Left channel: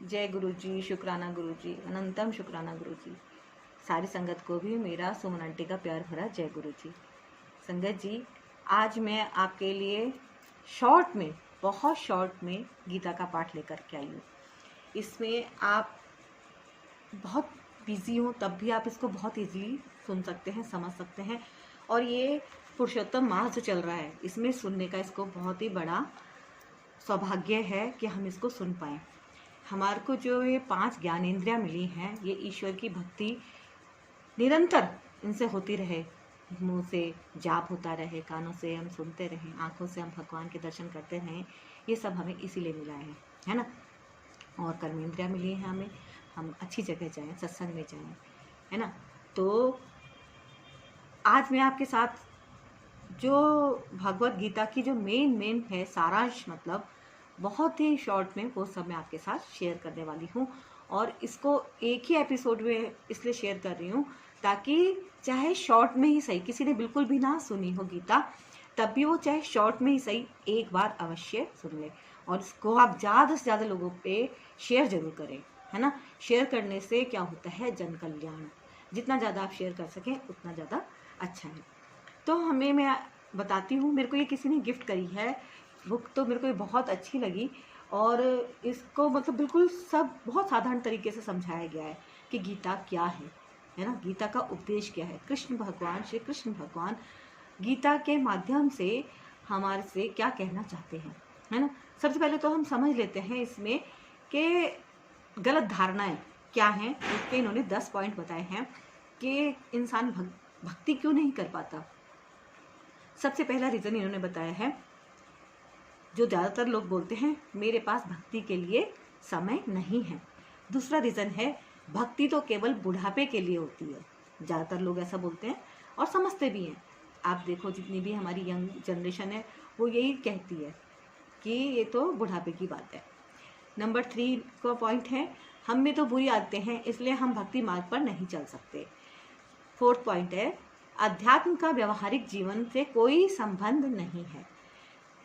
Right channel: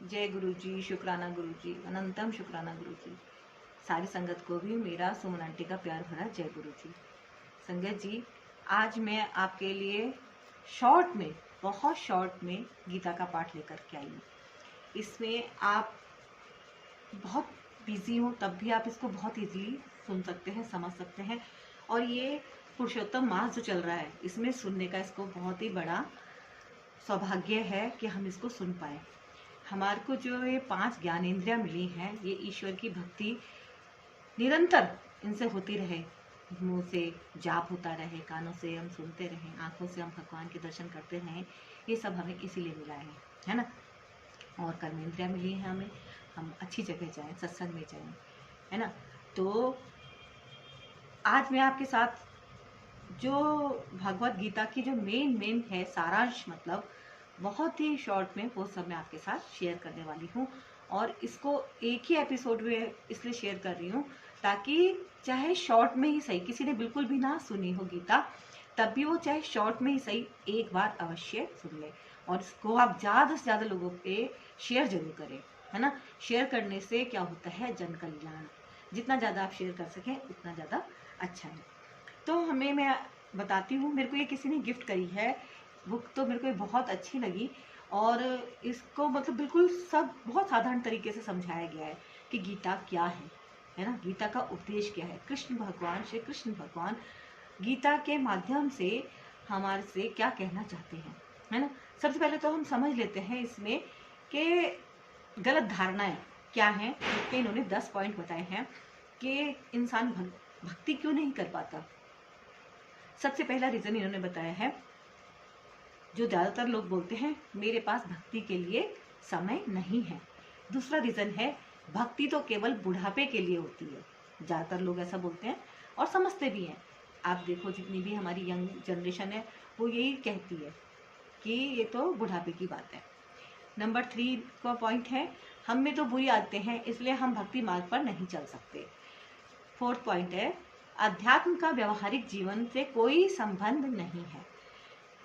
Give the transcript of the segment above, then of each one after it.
जय गुरु जी, शुक्राना गुरु जी, अनंतम शुक्राना गुरु जी। सारी संगत को भी मेरा सुमन आंटी का प्यार भरा जय गुरु जी। संगत जी, आज मैं आपके लिए शॉर्ट में, बहुत शॉर्ट में गीता का पाठ लेकर के आई हूँ। इसमें आप बहुत बिजी हो तब भी आप इसको बहुत इजीली सुन सकते हैं, समझ सकते हैं। और ये पुरुषोत्तम मास जो चल रहा है, इसमें सुनने का इसको बहुत ही बड़ा सौभाग्य है कि हम इसको सुन पाए। हमारे को जो ये 5 ज्ञानेंद्रियां मिली हैं, ये ईश्वर की भक्ति निरंतर इनसे होती रहे, मुंह से जाप होता रहे, कानों से हम सुनते रहें, आंखों से हम भगवान के दर्शन करते रहें, ये सब हमें इसीलिए मिला है ना। और कर्मेंद्रियां मिली हैं हमें, हम अच्छी जगह जाएं, सत्संग में जाएं, है ना। तो आज मैं आपके साथ जो भगवत गीता की जो मेन है सारांश, मतलब बहुत ही शॉर्ट में, वो सब मैं आपके साथ शेयर करने वाली हूँ। और इसको एक ही एपिसोड में इसलिए शेयर कर रही हूँ ताकि चाहे शॉर्ट में ही सही, किसी ने बिल्कुल भी ना सुनी हो गीता, तब भी वो चाहे शॉर्ट में ही सही एक बार अवश्य सुन ले। और इसको आप ज़्यादा से ज़्यादा लोगों पे शेयर जरूर करें, है ना। शेयर करने से क्या होता है, जन कल्याण। जितना ज़्यादा आप शेयर कर सकें उतना ज़्यादा अच्छा है। तो मैं बताती हूँ, मेरे को ये किसी ने गिफ्ट करी है बुक, तो मेरे को ये बहुत अच्छी लगी। और इसको मतलब बिल्कुल सब बहुत साधारण तरीके से समझाया गया है कि गीता क्या है ना। गीता का उपदेश क्या है, कृष्ण भगवान, श्री कृष्ण भगवान गीता के माध्यम से हमारे से क्या कहना चाहते हैं, है ना। सबसे पहले तो हम समझ लेते हैं इसमें कि गलत धारणाएं क्या हैं। इसके इन्होंने 10 पॉइंट बताए हैं कि इंसान भक्ति क्यों नहीं कर पाता। सबसे पहला रीजन इन्होंने बताया है, जो ज़्यादातर लोग बोलते हैं, मेरे पास भक्ति के लिए समय नहीं है। दूसरा रीज़न है, भक्ति तो केवल बुढ़ापे के लिए होती है। ज़्यादातर लोग ऐसा बोलते हैं और समझते भी हैं। आप देखो, जितनी भी हमारी यंग जनरेशन है वो यही कहती है कि ये तो बुढ़ापे की बात है। नंबर 3 का पॉइंट है, हम में तो बुरी आदतें हैं, इसलिए हम भक्ति मार्ग पर नहीं चल सकते। 4th पॉइंट है, अध्यात्म का व्यवहारिक जीवन से कोई संबंध नहीं है।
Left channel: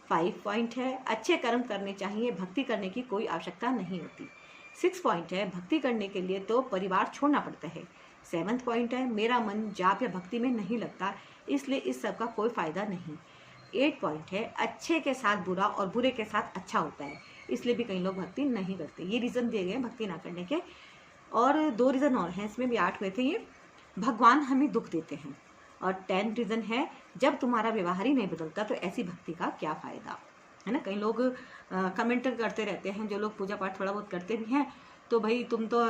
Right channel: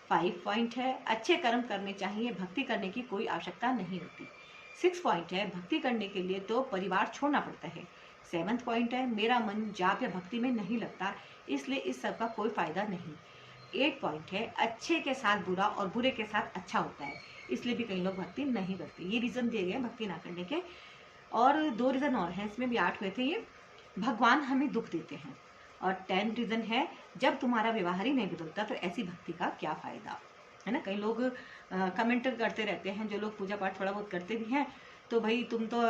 5 पॉइंट है, अच्छे कर्म करने चाहिए, भक्ति करने की कोई आवश्यकता नहीं होती। 6 पॉइंट है, भक्ति करने के लिए तो परिवार छोड़ना पड़ता है। 7th पॉइंट है, मेरा मन जाप या भक्ति में नहीं लगता, इसलिए इस सब का कोई फायदा नहीं। 8 पॉइंट है, अच्छे के साथ बुरा और बुरे के साथ अच्छा होता है, इसलिए भी कई लोग भक्ति नहीं करते। ये रीजन दिए गए भक्ति ना करने के। और 2 रीजन और हैं, इसमें भी 8 हुए थे ये। भगवान हमें दुख देते हैं। और 10 रीजन है, जब तुम्हारा व्यवहार ही नहीं बदलता तो ऐसी भक्ति का क्या फायदा, है ना। कई लोग कमेंट करते रहते हैं, जो लोग पूजा पाठ थोड़ा बहुत करते भी हैं, तो भाई तुम तो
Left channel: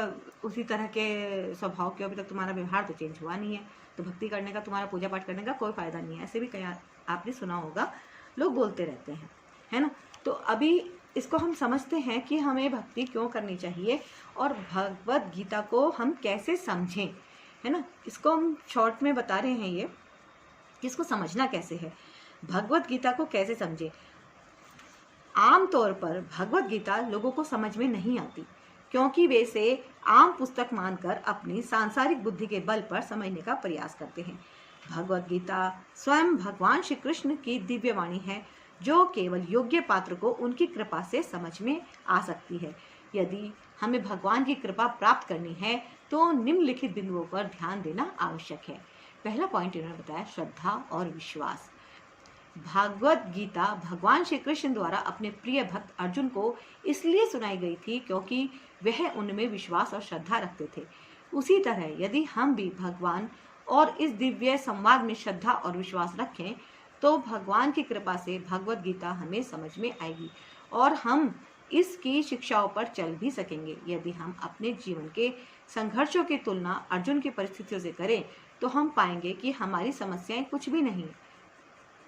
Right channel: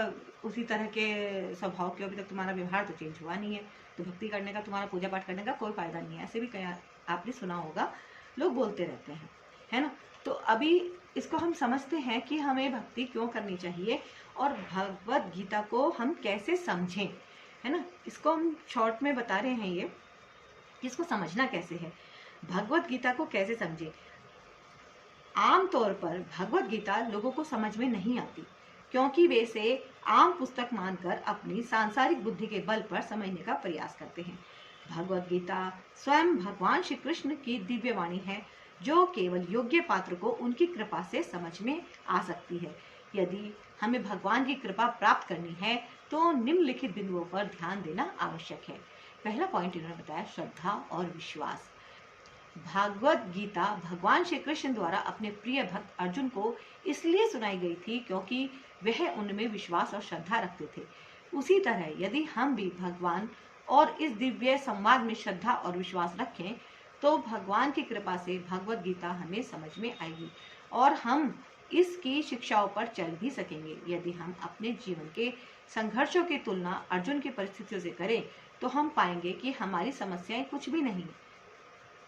उसी तरह के स्वभाव के, अभी तक तुम्हारा व्यवहार तो चेंज हुआ नहीं है, तो भक्ति करने का, तुम्हारा पूजा पाठ करने का कोई फायदा नहीं है। ऐसे भी कई आपने सुना होगा, लोग बोलते रहते हैं, है ना। तो अभी इसको हम समझते हैं कि हमें भक्ति क्यों करनी चाहिए और भगवत गीता को हम कैसे समझें, है ना। इसको हम शॉर्ट में बता रहे हैं ये, इसको समझना कैसे है, भगवत गीता को कैसे समझें। आमतौर पर भगवत गीता लोगों को समझ में नहीं आती, क्योंकि वे इसे आम पुस्तक मानकर अपनी सांसारिक बुद्धि के बल पर समझने का प्रयास करते हैं। भगवत गीता स्वयं भगवान श्री कृष्ण की दिव्य वाणी है, जो केवल योग्य पात्र को उनकी कृपा से समझ में आ सकती है। यदि हमें भगवान की कृपा प्राप्त करनी है तो निम्नलिखित बिंदुओं पर ध्यान देना आवश्यक है। पहला पॉइंट इन्होंने बताया, श्रद्धा और विश्वास। भागवत गीता भगवान श्री कृष्ण द्वारा अपने प्रिय भक्त अर्जुन को इसलिए सुनाई गई थी क्योंकि वह उनमें विश्वास और श्रद्धा रखते थे। उसी तरह यदि हम भी भगवान और इस दिव्य संवाद में श्रद्धा और विश्वास रखें तो भगवान की कृपा से भगवत गीता हमें समझ में आएगी और हम इसकी शिक्षाओं पर चल भी सकेंगे। यदि हम अपने जीवन के संघर्षों की तुलना अर्जुन की परिस्थितियों से करें तो हम पाएंगे कि हमारी समस्याएं कुछ भी नहीं।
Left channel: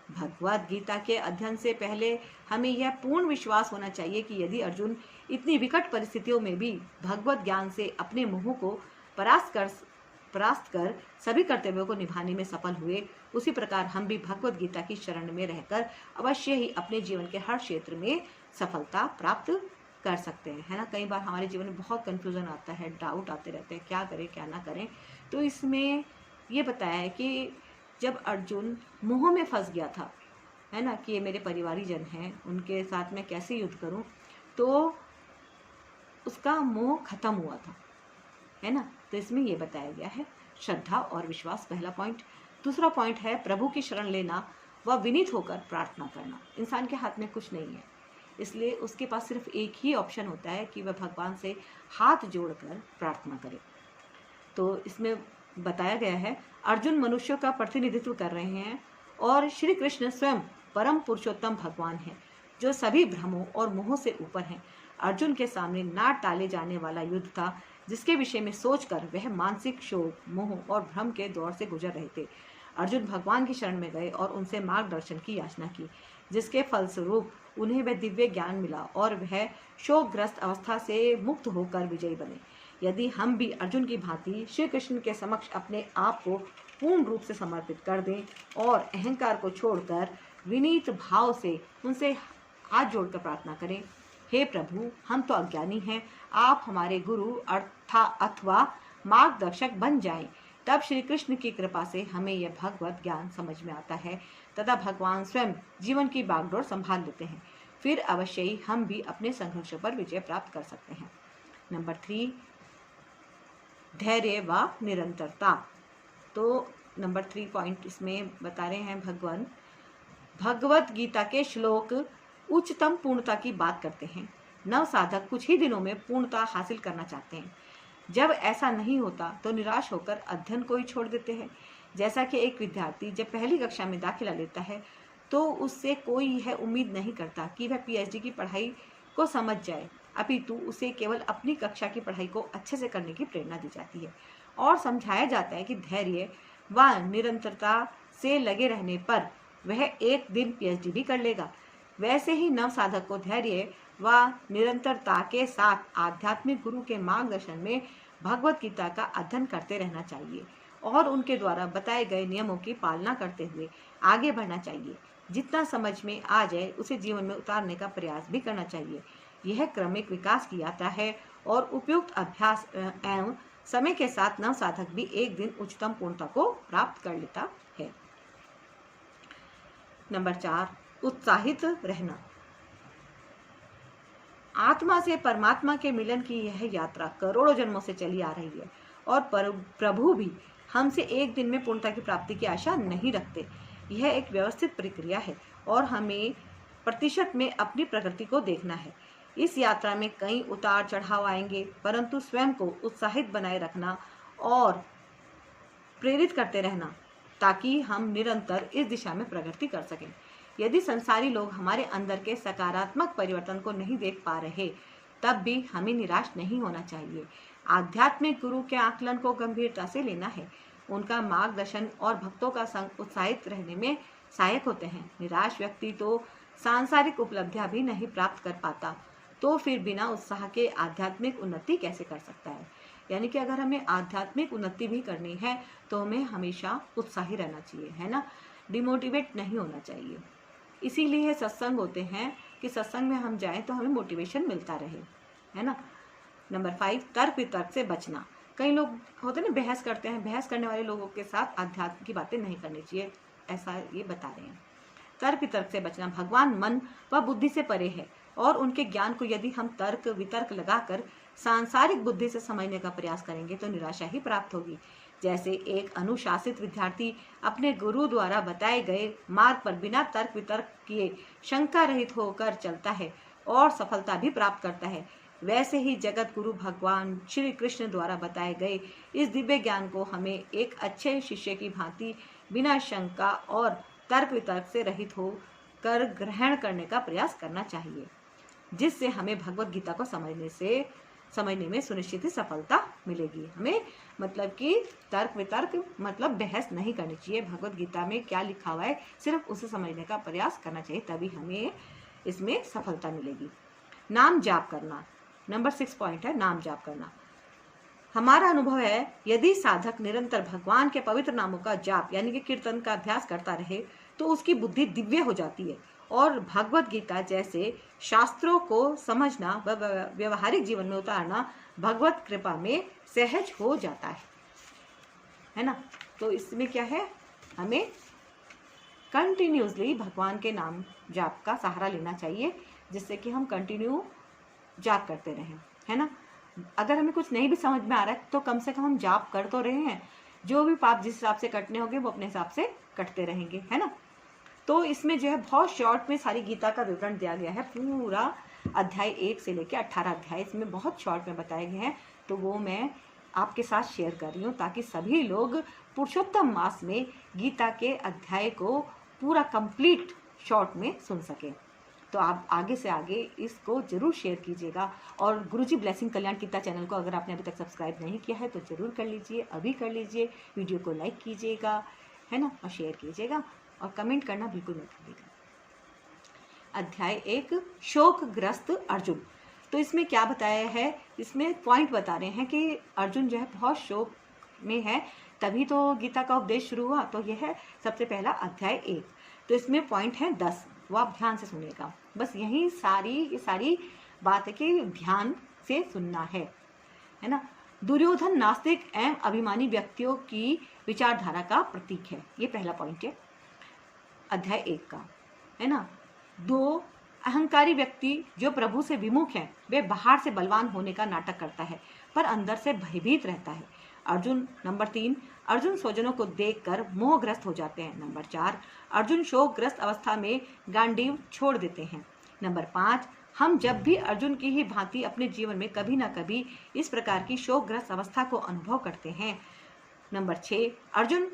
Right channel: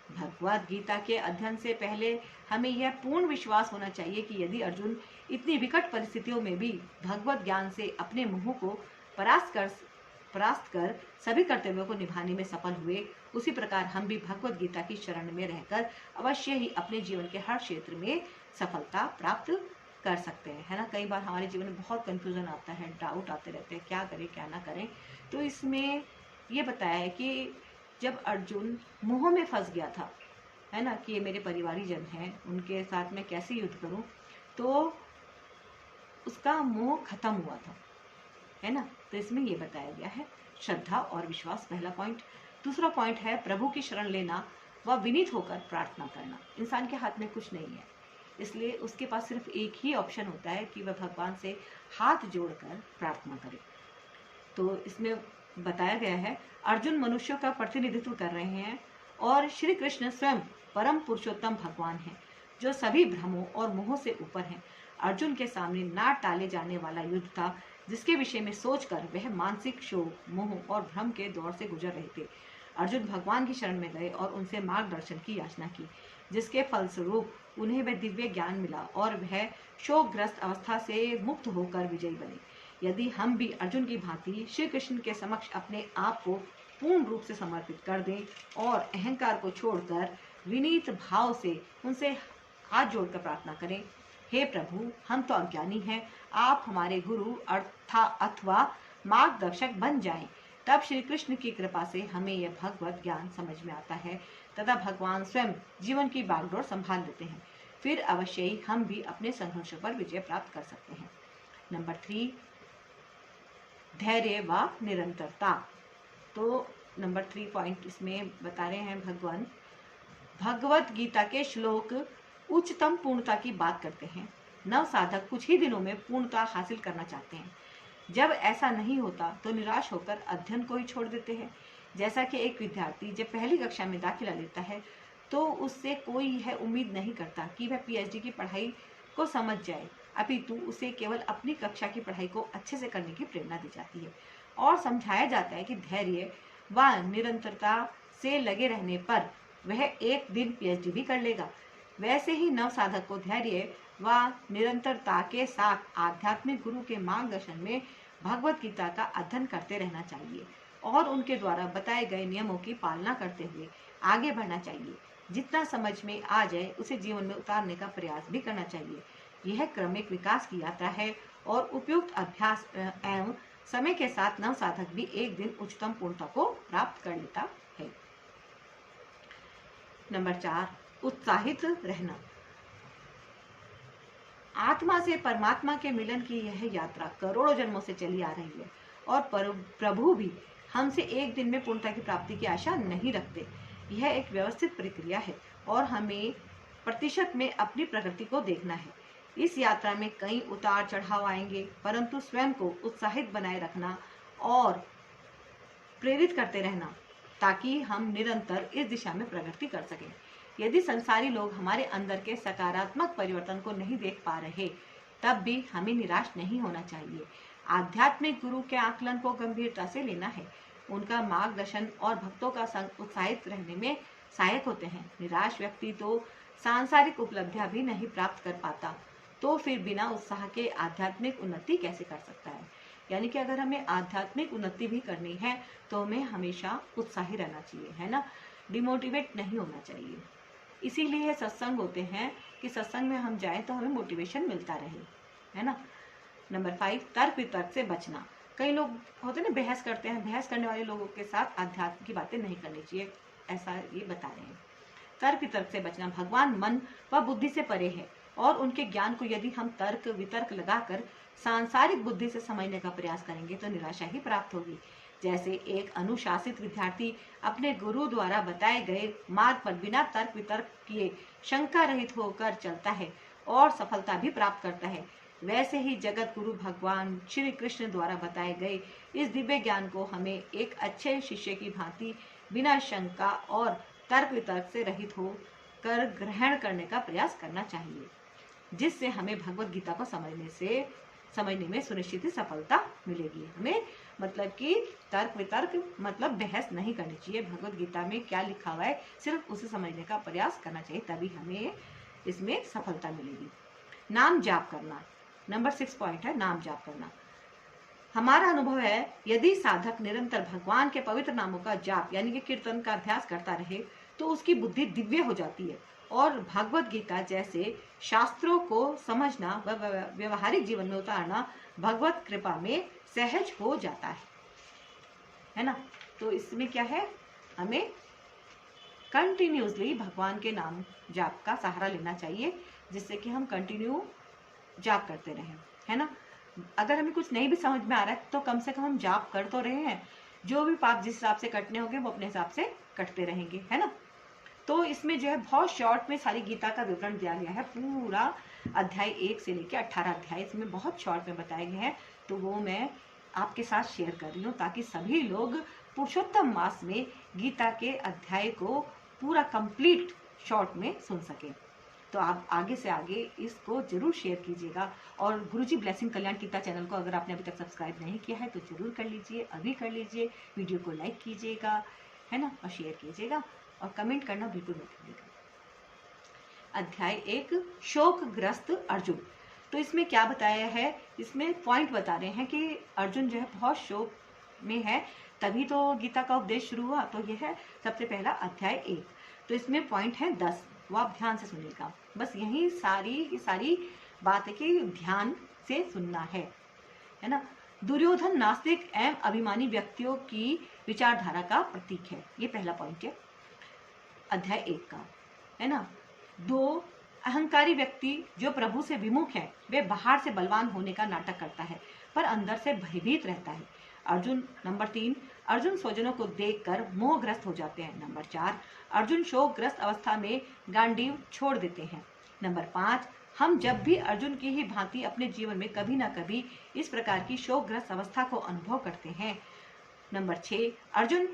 भगवत गीता के अध्ययन से पहले हमें यह पूर्ण विश्वास होना चाहिए कि यदि अर्जुन इतनी विकट परिस्थितियों में भी भगवत ज्ञान से अपने मोह को परास्त कर सभी कर्तव्यों को निभाने में सफल हुए, उसी प्रकार हम भी भगवत गीता की शरण में रहकर अवश्य ही अपने जीवन के हर क्षेत्र में सफलता प्राप्त कर सकते हैं, है ना। कई बार हमारे जीवन में बहुत कंफ्यूजन आता है, डाउट आते रहते हैं, क्या करें क्या ना करें। तो इसमें ये बताया है कि जब अर्जुन मोह में फंस गया था, है ना, कि ये मेरे परिवारी जन हैं, उनके साथ मैं कैसे युद्ध करूं, तो उसका मोह खत्म हुआ था, है ना। तो इसमें ये बताया गया है श्रद्धा और विश्वास, पहला पॉइंट। दूसरा पॉइंट है प्रभु की शरण लेना व विनीत होकर प्रार्थना करना। इंसान के हाथ में कुछ नहीं है, इसलिए उसके पास सिर्फ एक ही ऑप्शन होता है कि वह भगवान से हाथ जोड़कर प्रार्थना करे। तो इसमें बताया गया है अर्जुन मनुष्यों का प्रतिनिधित्व कर रहे हैं और श्री कृष्ण स्वयं परम पुरुषोत्तम भगवान हैं जो सभी भ्रमों और मोहों से ऊपर हैं। अर्जुन के सामने ना टाले जाने वाला युद्ध था जिसके विषय में सोचकर वह मानसिक शोक, मोह और भ्रम के दौर से गुजर रहे थे। अर्जुन भगवान की शरण में गए और उनसे मार्गदर्शन की याचना की, जिसके फलस्वरूप उन्हें वह दिव्य ज्ञान मिला और वह शोकग्रस्त अवस्था से मुक्त होकर विजयी बने। यदि हम भी अर्जुन की भांति श्री कृष्ण के समक्ष अपने आप को पूर्ण रूप से समर्पित कर दें और अहंकार को छोड़कर विनीत भाव से उनसे हाथ जोड़कर प्रार्थना करें, हे प्रभु, हम तो अज्ञानी हैं, आप हमारे गुरु अथवा मार्गदर्शक बन जाएं। तब श्री कृष्ण की कृपा से हमें यह भगवत ज्ञान समझ में आता है तथा भगवान स्वयं जीवन की बागडोर संभाल लेते हैं। फिर अवश्य ही हम भी अपने संघर्षों पर विजय प्राप्त कर सकते हैं। नंबर 3, धैर्य व निरंतरता। तो नंबर 3 पॉइंट इसमें बता रहे हैं भगवान भगवत गीता के श्लोक उच्चतम पूर्णता की बात करते हैं। नव साधक कुछ ही दिनों में पूर्णता हासिल करना चाहते हैं। जब ऐसा नहीं होता तो निराश होकर अध्ययन को ही छोड़ देते हैं। जैसा कि एक विद्यार्थी जब पहली कक्षा में दाखिला लेता है तो उससे कोई यह उम्मीद नहीं करता कि वह पीएचडी की पढ़ाई को समझ जाए, अपितु उसे केवल अपनी कक्षा की पढ़ाई को अच्छे से करने की प्रेरणा दी जाती है और समझाया जाता है कि धैर्य व निरंतरता से लगे रहने पर वह एक दिन पीएचडी भी कर लेगा। वैसे ही नव साधक को धैर्य व निरंतरता के साथ आध्यात्मिक गुरु के मार्गदर्शन में भगवत गीता का अध्ययन करते रहना चाहिए और उनके द्वारा बताए गए नियमों की पालना करते हुए आगे बढ़ना चाहिए। जितना समझ में आ जाए उसे जीवन में उतारने का प्रयास भी करना चाहिए। यह क्रमिक विकास की यात्रा है और उपयुक्त अभ्यास एवं समय के साथ नव साधक भी एक दिन उच्चतम पूर्णता को प्राप्त कर लेता है। नंबर 4, उत्साहित रहना। आत्मा से परमात्मा के मिलन की यह यात्रा करोड़ों जन्मों से चली आ रही है और प्रभु भी हमसे एक दिन में पूर्णता की प्राप्ति की आशा नहीं रखते। यह एक व्यवस्थित प्रक्रिया है और हमें प्रतिशत में अपनी प्रगति को देखना है। इस यात्रा में कई उतार चढ़ाव आएंगे, परंतु स्वयं को उत्साहित बनाए रखना और प्रेरित करते रहना ताकि हम निरंतर इस दिशा में प्रगति कर सकें। यदि संसारी लोग हमारे अंदर के सकारात्मक परिवर्तन को नहीं देख पा रहे, तब भी हमें निराश नहीं होना चाहिए। आध्यात्मिक गुरु के आकलन को गंभीरता से लेना है। उनका मार्गदर्शन और भक्तों का संग उत्साहित रहने में सहायक होते हैं। निराश व्यक्ति तो सांसारिक उपलब्धियां भी नहीं प्राप्त कर पाता, तो फिर बिना उत्साह के आध्यात्मिक उन्नति कैसे कर सकता है। यानी कि अगर हमें आध्यात्मिक उन्नति भी करनी है तो हमें हमेशा उत्साही रहना चाहिए, है ना, डिमोटिवेट नहीं होना चाहिए। इसीलिए सत्संग होते हैं कि सत्संग में हम जाएं तो हमें मोटिवेशन मिलता रहे, है ना। नंबर 5, तर्क वितर्क से बचना। कई लोग होते हैं ना, बहस करते हैं। बहस करने वाले लोगों के साथ आध्यात्म की बातें नहीं करनी चाहिए, ऐसा ये बता रहे हैं। तर्क वितर्क से बचना। भगवान मन व बुद्धि से परे है और उनके ज्ञान को यदि हम तर्क वितर्क लगाकर सांसारिक बुद्धि से समझने का प्रयास करेंगे तो निराशा ही प्राप्त होगी। जैसे एक अनुशासित विद्यार्थी अपने गुरु द्वारा बताए गए मार्ग पर बिना तर्क वितर्क किए शंका रहित होकर चलता है और सफलता भी प्राप्त करता है, वैसे ही जगत गुरु भगवान श्री कृष्ण द्वारा बताए गए इस दिव्य ज्ञान को हमें एक अच्छे शिष्य की भांति बिना शंका और तर्क वितर्क से रहित होकर ग्रहण करने का प्रयास करना चाहिए, जिससे हमें भगवत गीता को समझने में सुनिश्चित ही सफलता मिलेगी। हमें मतलब कि तर्क वितर्क मतलब बहस नहीं करनी चाहिए। भगवत गीता में क्या लिखा हुआ है सिर्फ उसे समझने का प्रयास करना चाहिए, तभी हमें इसमें सफलता मिलेगी। नाम जाप करना। नंबर 6 पॉइंट है नाम जाप करना। हमारा अनुभव है यदि साधक निरंतर भगवान के पवित्र नामों का जाप यानी कि कीर्तन का अभ्यास करता रहे तो उसकी बुद्धि दिव्य हो जाती है और भगवत गीता जैसे शास्त्रों को समझना व व्यवहारिक जीवन में उतारना भगवत कृपा में सहज हो जाता है ना। तो इसमें क्या है, हमें कंटिन्यूसली भगवान के नाम जाप का सहारा लेना चाहिए जिससे कि हम कंटिन्यू जाप करते रहें। है ना। अगर हमें कुछ नहीं भी समझ में आ रहा है तो कम से कम हम जाप कर तो रहे हैं, जो भी पाप जिस हिसाब से कटने होंगे वो अपने हिसाब से कटते रहेंगे, है ना। तो इसमें जो है बहुत शॉर्ट में सारी गीता का विवरण दिया गया है, पूरा अध्याय 1 से लेकर 18 अध्याय इसमें बहुत शॉर्ट में बताए गए हैं। तो वो मैं आपके साथ शेयर कर रही हूँ ताकि सभी लोग पुरुषोत्तम मास में गीता के अध्याय को पूरा कंप्लीट शॉर्ट में सुन सके। तो आप आगे से आगे इसको जरूर शेयर कीजिएगा। और गुरुजी ब्लेसिंग कल्याण गीता चैनल को अगर आपने अभी तक सब्सक्राइब नहीं किया है तो जरूर कर लीजिए, अभी कर लीजिए। वीडियो को लाइक कीजिएगा, है ना, और शेयर कीजिएगा और कमेंट करना बिल्कुल मत भूलिएगा। अध्याय 1 शोकग्रस्त अर्जुन। तो इसमें क्या बताया है, इसमें पॉइंट बता रहे हैं कि अर्जुन जो है बहुत शोक में है, तभी तो गीता का उपदेश शुरू हुआ। तो यह है सबसे पहला अध्याय 1। तो इसमें पॉइंट है 10, वो आप ध्यान से सुनिएगा। बस यही सारी बात है कि ध्यान से सुनना है ना। दुर्योधन नास्तिक एवं अभिमानी व्यक्तियों की विचारधारा का प्रतीक है, ये पहला पॉइंट है अध्याय 1 का, है ना। 2 अहंकारी व्यक्ति जो प्रभु से विमुख है, वे बाहर से बलवान होने का नाटक करता है पर अंदर से भयभीत रहता है। अर्जुन। नंबर 3 अर्जुन स्वजनों को देखकर मोहग्रस्त हो जाते हैं। नंबर 4 अर्जुन शोकग्रस्त अवस्था में गांडीव छोड़ देते हैं। नंबर 5 हम जब भी अर्जुन की ही भांति अपने जीवन में कभी न कभी इस प्रकार की शोकग्रस्त अवस्था को अनुभव करते हैं। नंबर 6 अर्जुन।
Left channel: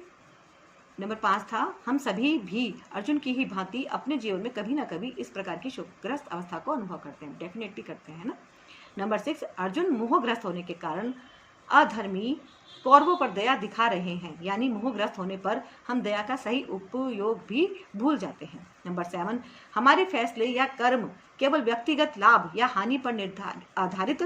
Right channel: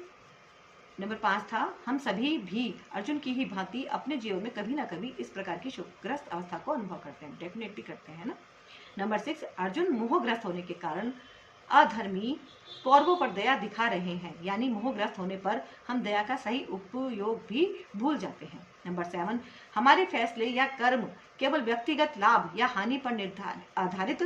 नंबर 5 था हम सभी भी अर्जुन की ही भांति अपने जीवन में कभी न कभी इस प्रकार की शोकग्रस्त अवस्था को अनुभव करते हैं, डेफिनेटली करते हैं ना। नंबर 6 अर्जुन मोहग्रस्त होने के कारण अधर्मी कौरवों पर दया दिखा रहे हैं, यानी मोहग्रस्त होने पर हम दया का सही उपयोग भी भूल जाते हैं। नंबर 7 हमारे फैसले या कर्म केवल व्यक्तिगत लाभ या हानि पर आधारित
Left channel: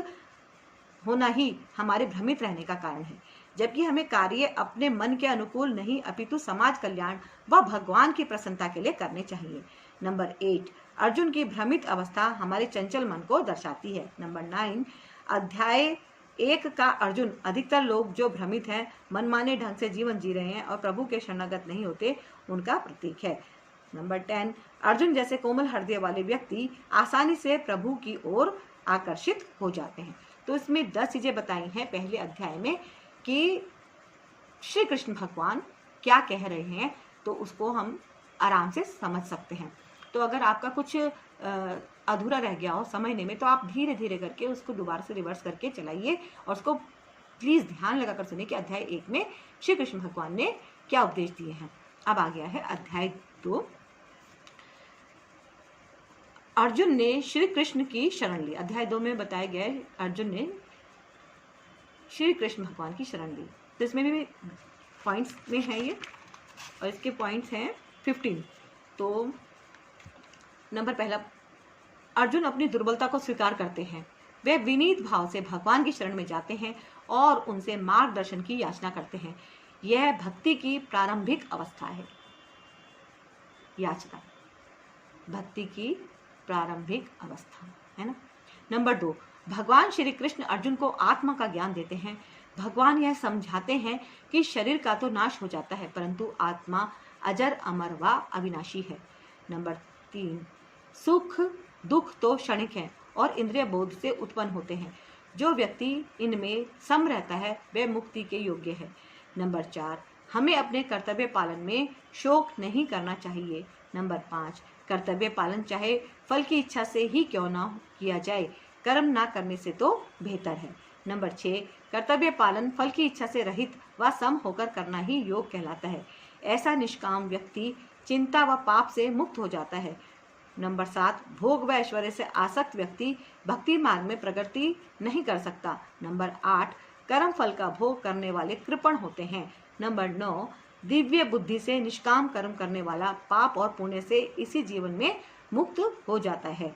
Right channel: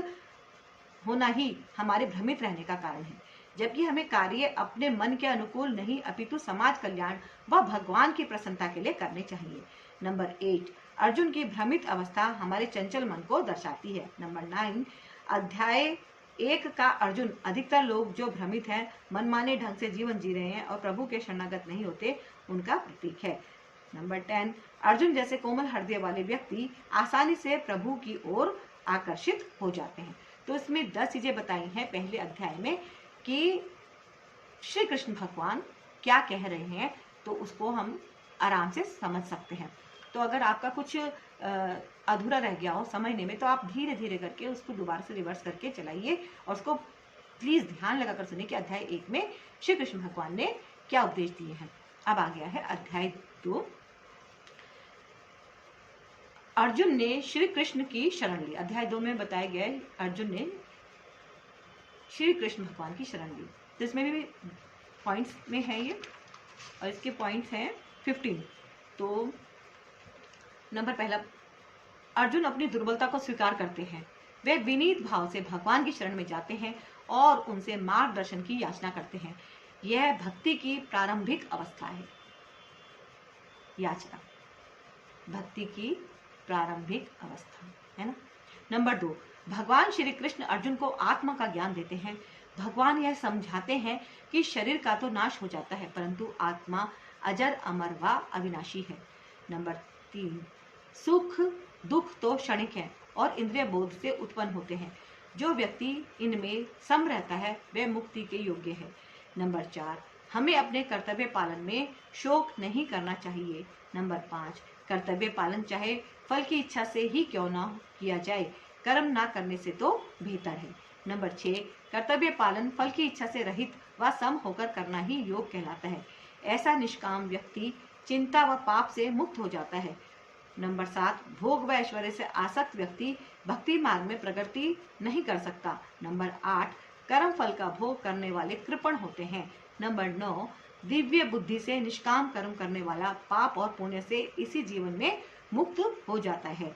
होना ही हमारे भ्रमित रहने का कारण है, जबकि हमें कार्य अपने मन के अनुकूल नहीं अपितु समाज कल्याण व भगवान की प्रसन्नता के लिए करने चाहिए। नंबर 8 अर्जुन की भ्रमित अवस्था हमारे चंचल मन को दर्शाती है। नंबर 9 अध्याय 1 का अर्जुन अधिकतर लोग जो भ्रमित हैं, मनमाने ढंग से जीवन जी रहे हैं और प्रभु के शरणागत नहीं होते, उनका प्रतीक है। नंबर 10 अर्जुन जैसे कोमल हृदय वाले व्यक्ति आसानी से प्रभु की ओर आकर्षित हो जाते हैं। तो इसमें 10 चीजें बताई हैं पहले अध्याय में कि श्री कृष्ण भगवान क्या कह रहे हैं, तो उसको हम आराम से समझ सकते हैं। तो अगर आपका कुछ अधूरा रह गया हो समझने में, तो आप धीरे धीरे करके उसको दोबारा से रिवर्स करके चलाइए और उसको प्लीज ध्यान लगाकर सुनिए कि अध्याय 1 में श्री कृष्ण भगवान ने क्या उपदेश दिए हैं। अब आ गया है अध्याय 2। अर्जुन ने श्री कृष्ण की शरण ली। अध्याय 2 में बताया गया है अर्जुन ने श्री कृष्ण भगवान की शरण ली। तो इसमें भी पॉइंट्स में है ये, और इसके पॉइंट्स हैं 15। तो नंबर पहला अर्जुन अपनी दुर्बलता को स्वीकार करते हैं, वे विनीत भाव से भगवान की शरण में जाते हैं और उनसे मार्गदर्शन की याचना करते हैं। यह भक्ति की प्रारंभिक अवस्था है। याचना भक्ति की प्रारंभिक अवस्था है ना। नंबर 2 भगवान श्री कृष्ण अर्जुन को आत्मा का ज्ञान देते हैं। भगवान यह समझाते हैं कि शरीर का तो नाश हो जाता है, परंतु आत्मा अजर अमर व अविनाशी है। नंबर 3 सुख दुख तो क्षणिक है और इंद्रिय बोध से उत्पन्न होते हैं। जो व्यक्ति इनमें सम रहता है वह मुक्ति के योग्य है। नंबर 4 हमें अपने कर्तव्य पालन में शोक नहीं करना चाहिए। नंबर 5 कर्तव्य पालन चाहे फल की इच्छा से ही क्यों ना किया जाए, कर्म ना करने से तो बेहतर है। नंबर 6 कर्तव्य पालन फल की इच्छा से रहित व सम होकर करना ही योग कहलाता है। ऐसा निष्काम व्यक्ति चिंता व पाप से मुक्त हो जाता है। नंबर 7 भोग व ऐश्वर्य से आसक्त व्यक्ति भक्ति मार्ग में प्रगति नहीं कर सकता। नंबर 8 कर्म फल का भोग करने वाले कृपण होते हैं। नंबर 9 दिव्य बुद्धि से निष्काम कर्म करने वाला पाप और पुण्य से इसी जीवन में मुक्त हो जाता है।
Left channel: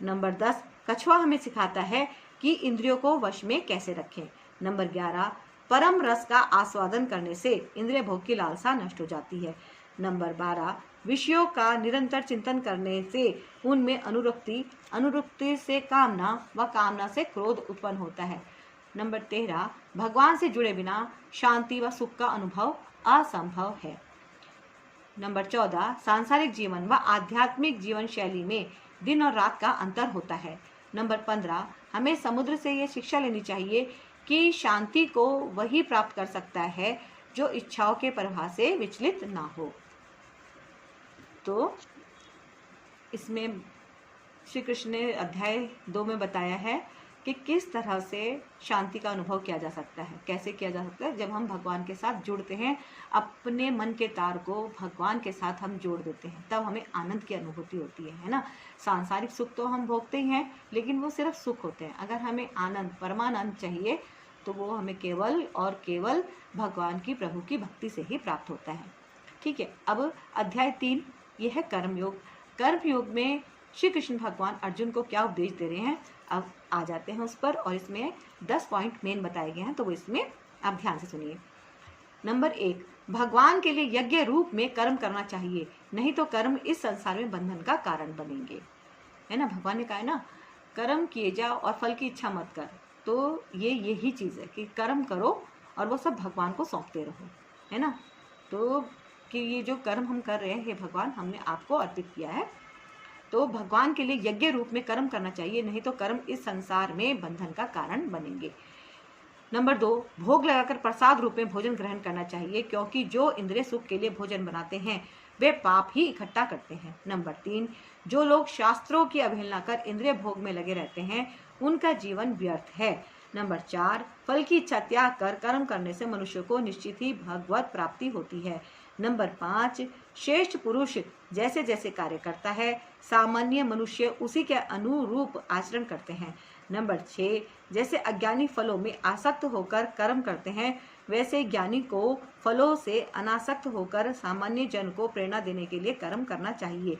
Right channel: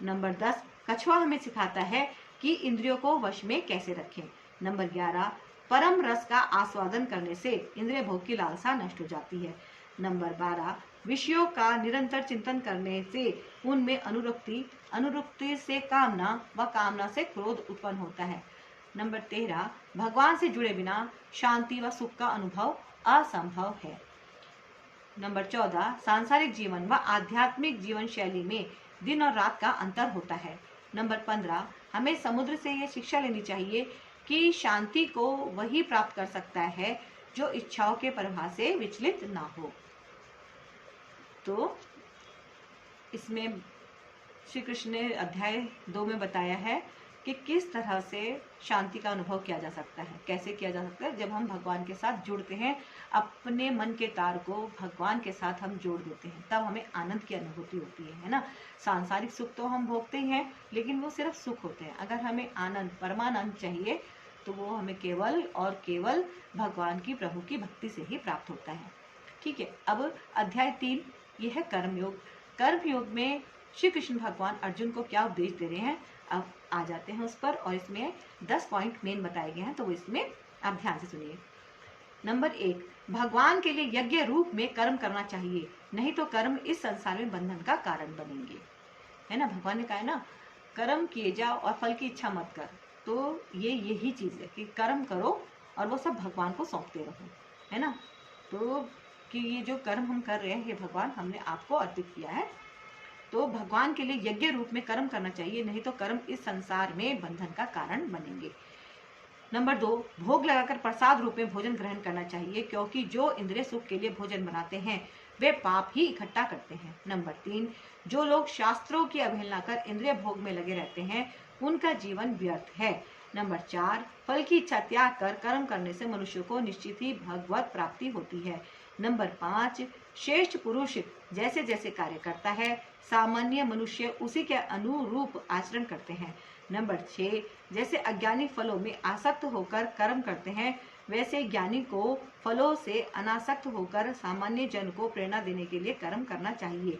नंबर 10 कछुआ हमें सिखाता है कि इंद्रियों को वश में कैसे रखें। नंबर 11 परम रस का आस्वादन करने से इंद्रिय भोग की लालसा नष्ट हो जाती है। नंबर 12 विषयों का निरंतर चिंतन करने से उनमें अनुरक्ति से कामना व कामना से क्रोध उत्पन्न होता है। नंबर 13 भगवान से जुड़े बिना शांति व सुख का अनुभव असंभव है। नंबर 14 सांसारिक जीवन व आध्यात्मिक जीवन शैली में दिन और रात का अंतर होता है। नंबर 15, हमें समुद्र से ये शिक्षा लेनी चाहिए कि शांति को वही प्राप्त कर सकता है जो इच्छाओं के प्रवाह से विचलित ना हो। तो इसमें श्री कृष्ण ने अध्याय 2 में बताया है कि किस तरह से शांति का अनुभव किया जा सकता है, कैसे किया जा सकता है। जब हम भगवान के साथ जुड़ते हैं, अपने मन के तार को भगवान के साथ हम जोड़ देते हैं, तब हमें आनंद की अनुभूति होती है ना। सांसारिक सुख तो हम भोगते ही हैं, लेकिन वो सिर्फ सुख होते हैं। अगर हमें आनंद, परमानंद चाहिए तो वो हमें केवल और केवल भगवान की, प्रभु की भक्ति से ही प्राप्त होता है। ठीक है, अब अध्याय 3 यह है कर्मयोग। कर्मयोग में श्री कृष्ण भगवान अर्जुन को क्या उपदेश दे रहे हैं, अब आ जाते हैं उस पर। और इसमें 10 पॉइंट मेन बताए गए हैं, तो वो इसमें आप ध्यान से सुनिए। नंबर 1, भगवान के लिए यज्ञ रूप में कर्म करना चाहिए, नहीं तो कर्म इस संसार में बंधन का कारण बनेंगे, है ना। भगवान ने कहा है ना, कर्म किए जाओ और फल की इच्छा मत कर। तो यही चीज है कि कर्म करो और वो सब भगवान को सौंपते रहो, है ना। तो कि ये जो कर्म हम कर रहे हैं, हे भगवान, हमने आपको अर्पित किया है, तो भगवान के लिए यज्ञ रूप में कर्म करना चाहिए, नहीं तो कर्म इस संसार में बंधन का कारण बनेंगे। नंबर 2, भोग लगाकर प्रसाद रूप में भोजन ग्रहण करना चाहिए, क्योंकि जो इंद्रिय सुख के लिए भोजन बनाते हैं वे पाप ही इकट्ठा करते हैं। नंबर 3, जो लोग शास्त्रों की अवहेलना कर इंद्रिय भोग में लगे रहते हैं उनका जीवन व्यर्थ है। नंबर 4, फल की इच्छा त्याग कर कर्म करने से मनुष्य को निश्चित ही भगवत प्राप्ति होती है। नंबर 5, श्रेष्ठ पुरुष जैसे जैसे कार्य करता है, सामान्य मनुष्य उसी के अनुरूप आचरण करते हैं। नंबर 6, जैसे अज्ञानी फलों में आसक्त होकर कर्म करते हैं, वैसे ज्ञानी को फलों से अनासक्त होकर सामान्य जन को प्रेरणा देने के लिए कर्म करना चाहिए।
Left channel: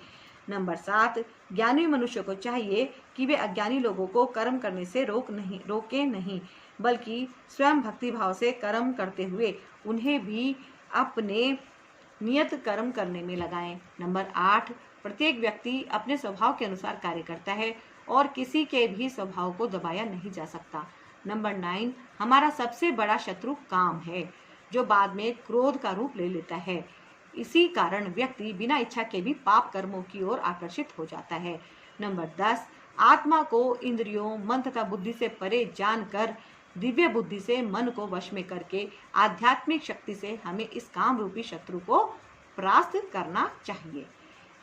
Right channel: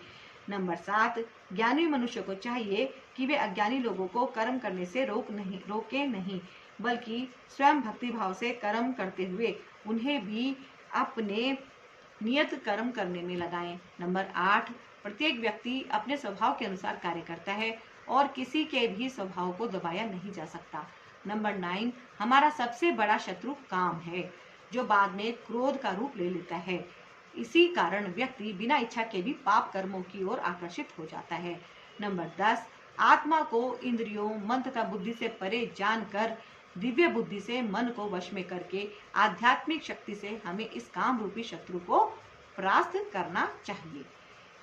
नंबर 7, ज्ञानी मनुष्य को चाहिए कि वे अज्ञानी लोगों को कर्म करने से रोके नहीं, बल्कि स्वयं भक्ति भाव से कर्म करते हुए उन्हें भी अपने नियत कर्म करने में लगाएं। नंबर 8, प्रत्येक व्यक्ति अपने स्वभाव के अनुसार कार्य करता है और किसी के भी स्वभाव को दबाया नहीं जा सकता। नंबर 9, हमारा सबसे बड़ा शत्रु काम है, जो बाद में क्रोध का रूप ले लेता है। इसी कारण व्यक्ति बिना इच्छा के भी पाप कर्मों की ओर आकर्षित हो जाता है। नंबर 10, आत्मा को इंद्रियों, मन तथा बुद्धि से परे जानकर दिव्य बुद्धि से मन को वश में करके आध्यात्मिक शक्ति से हमें इस काम रूपी शत्रु को परास्त करना चाहिए,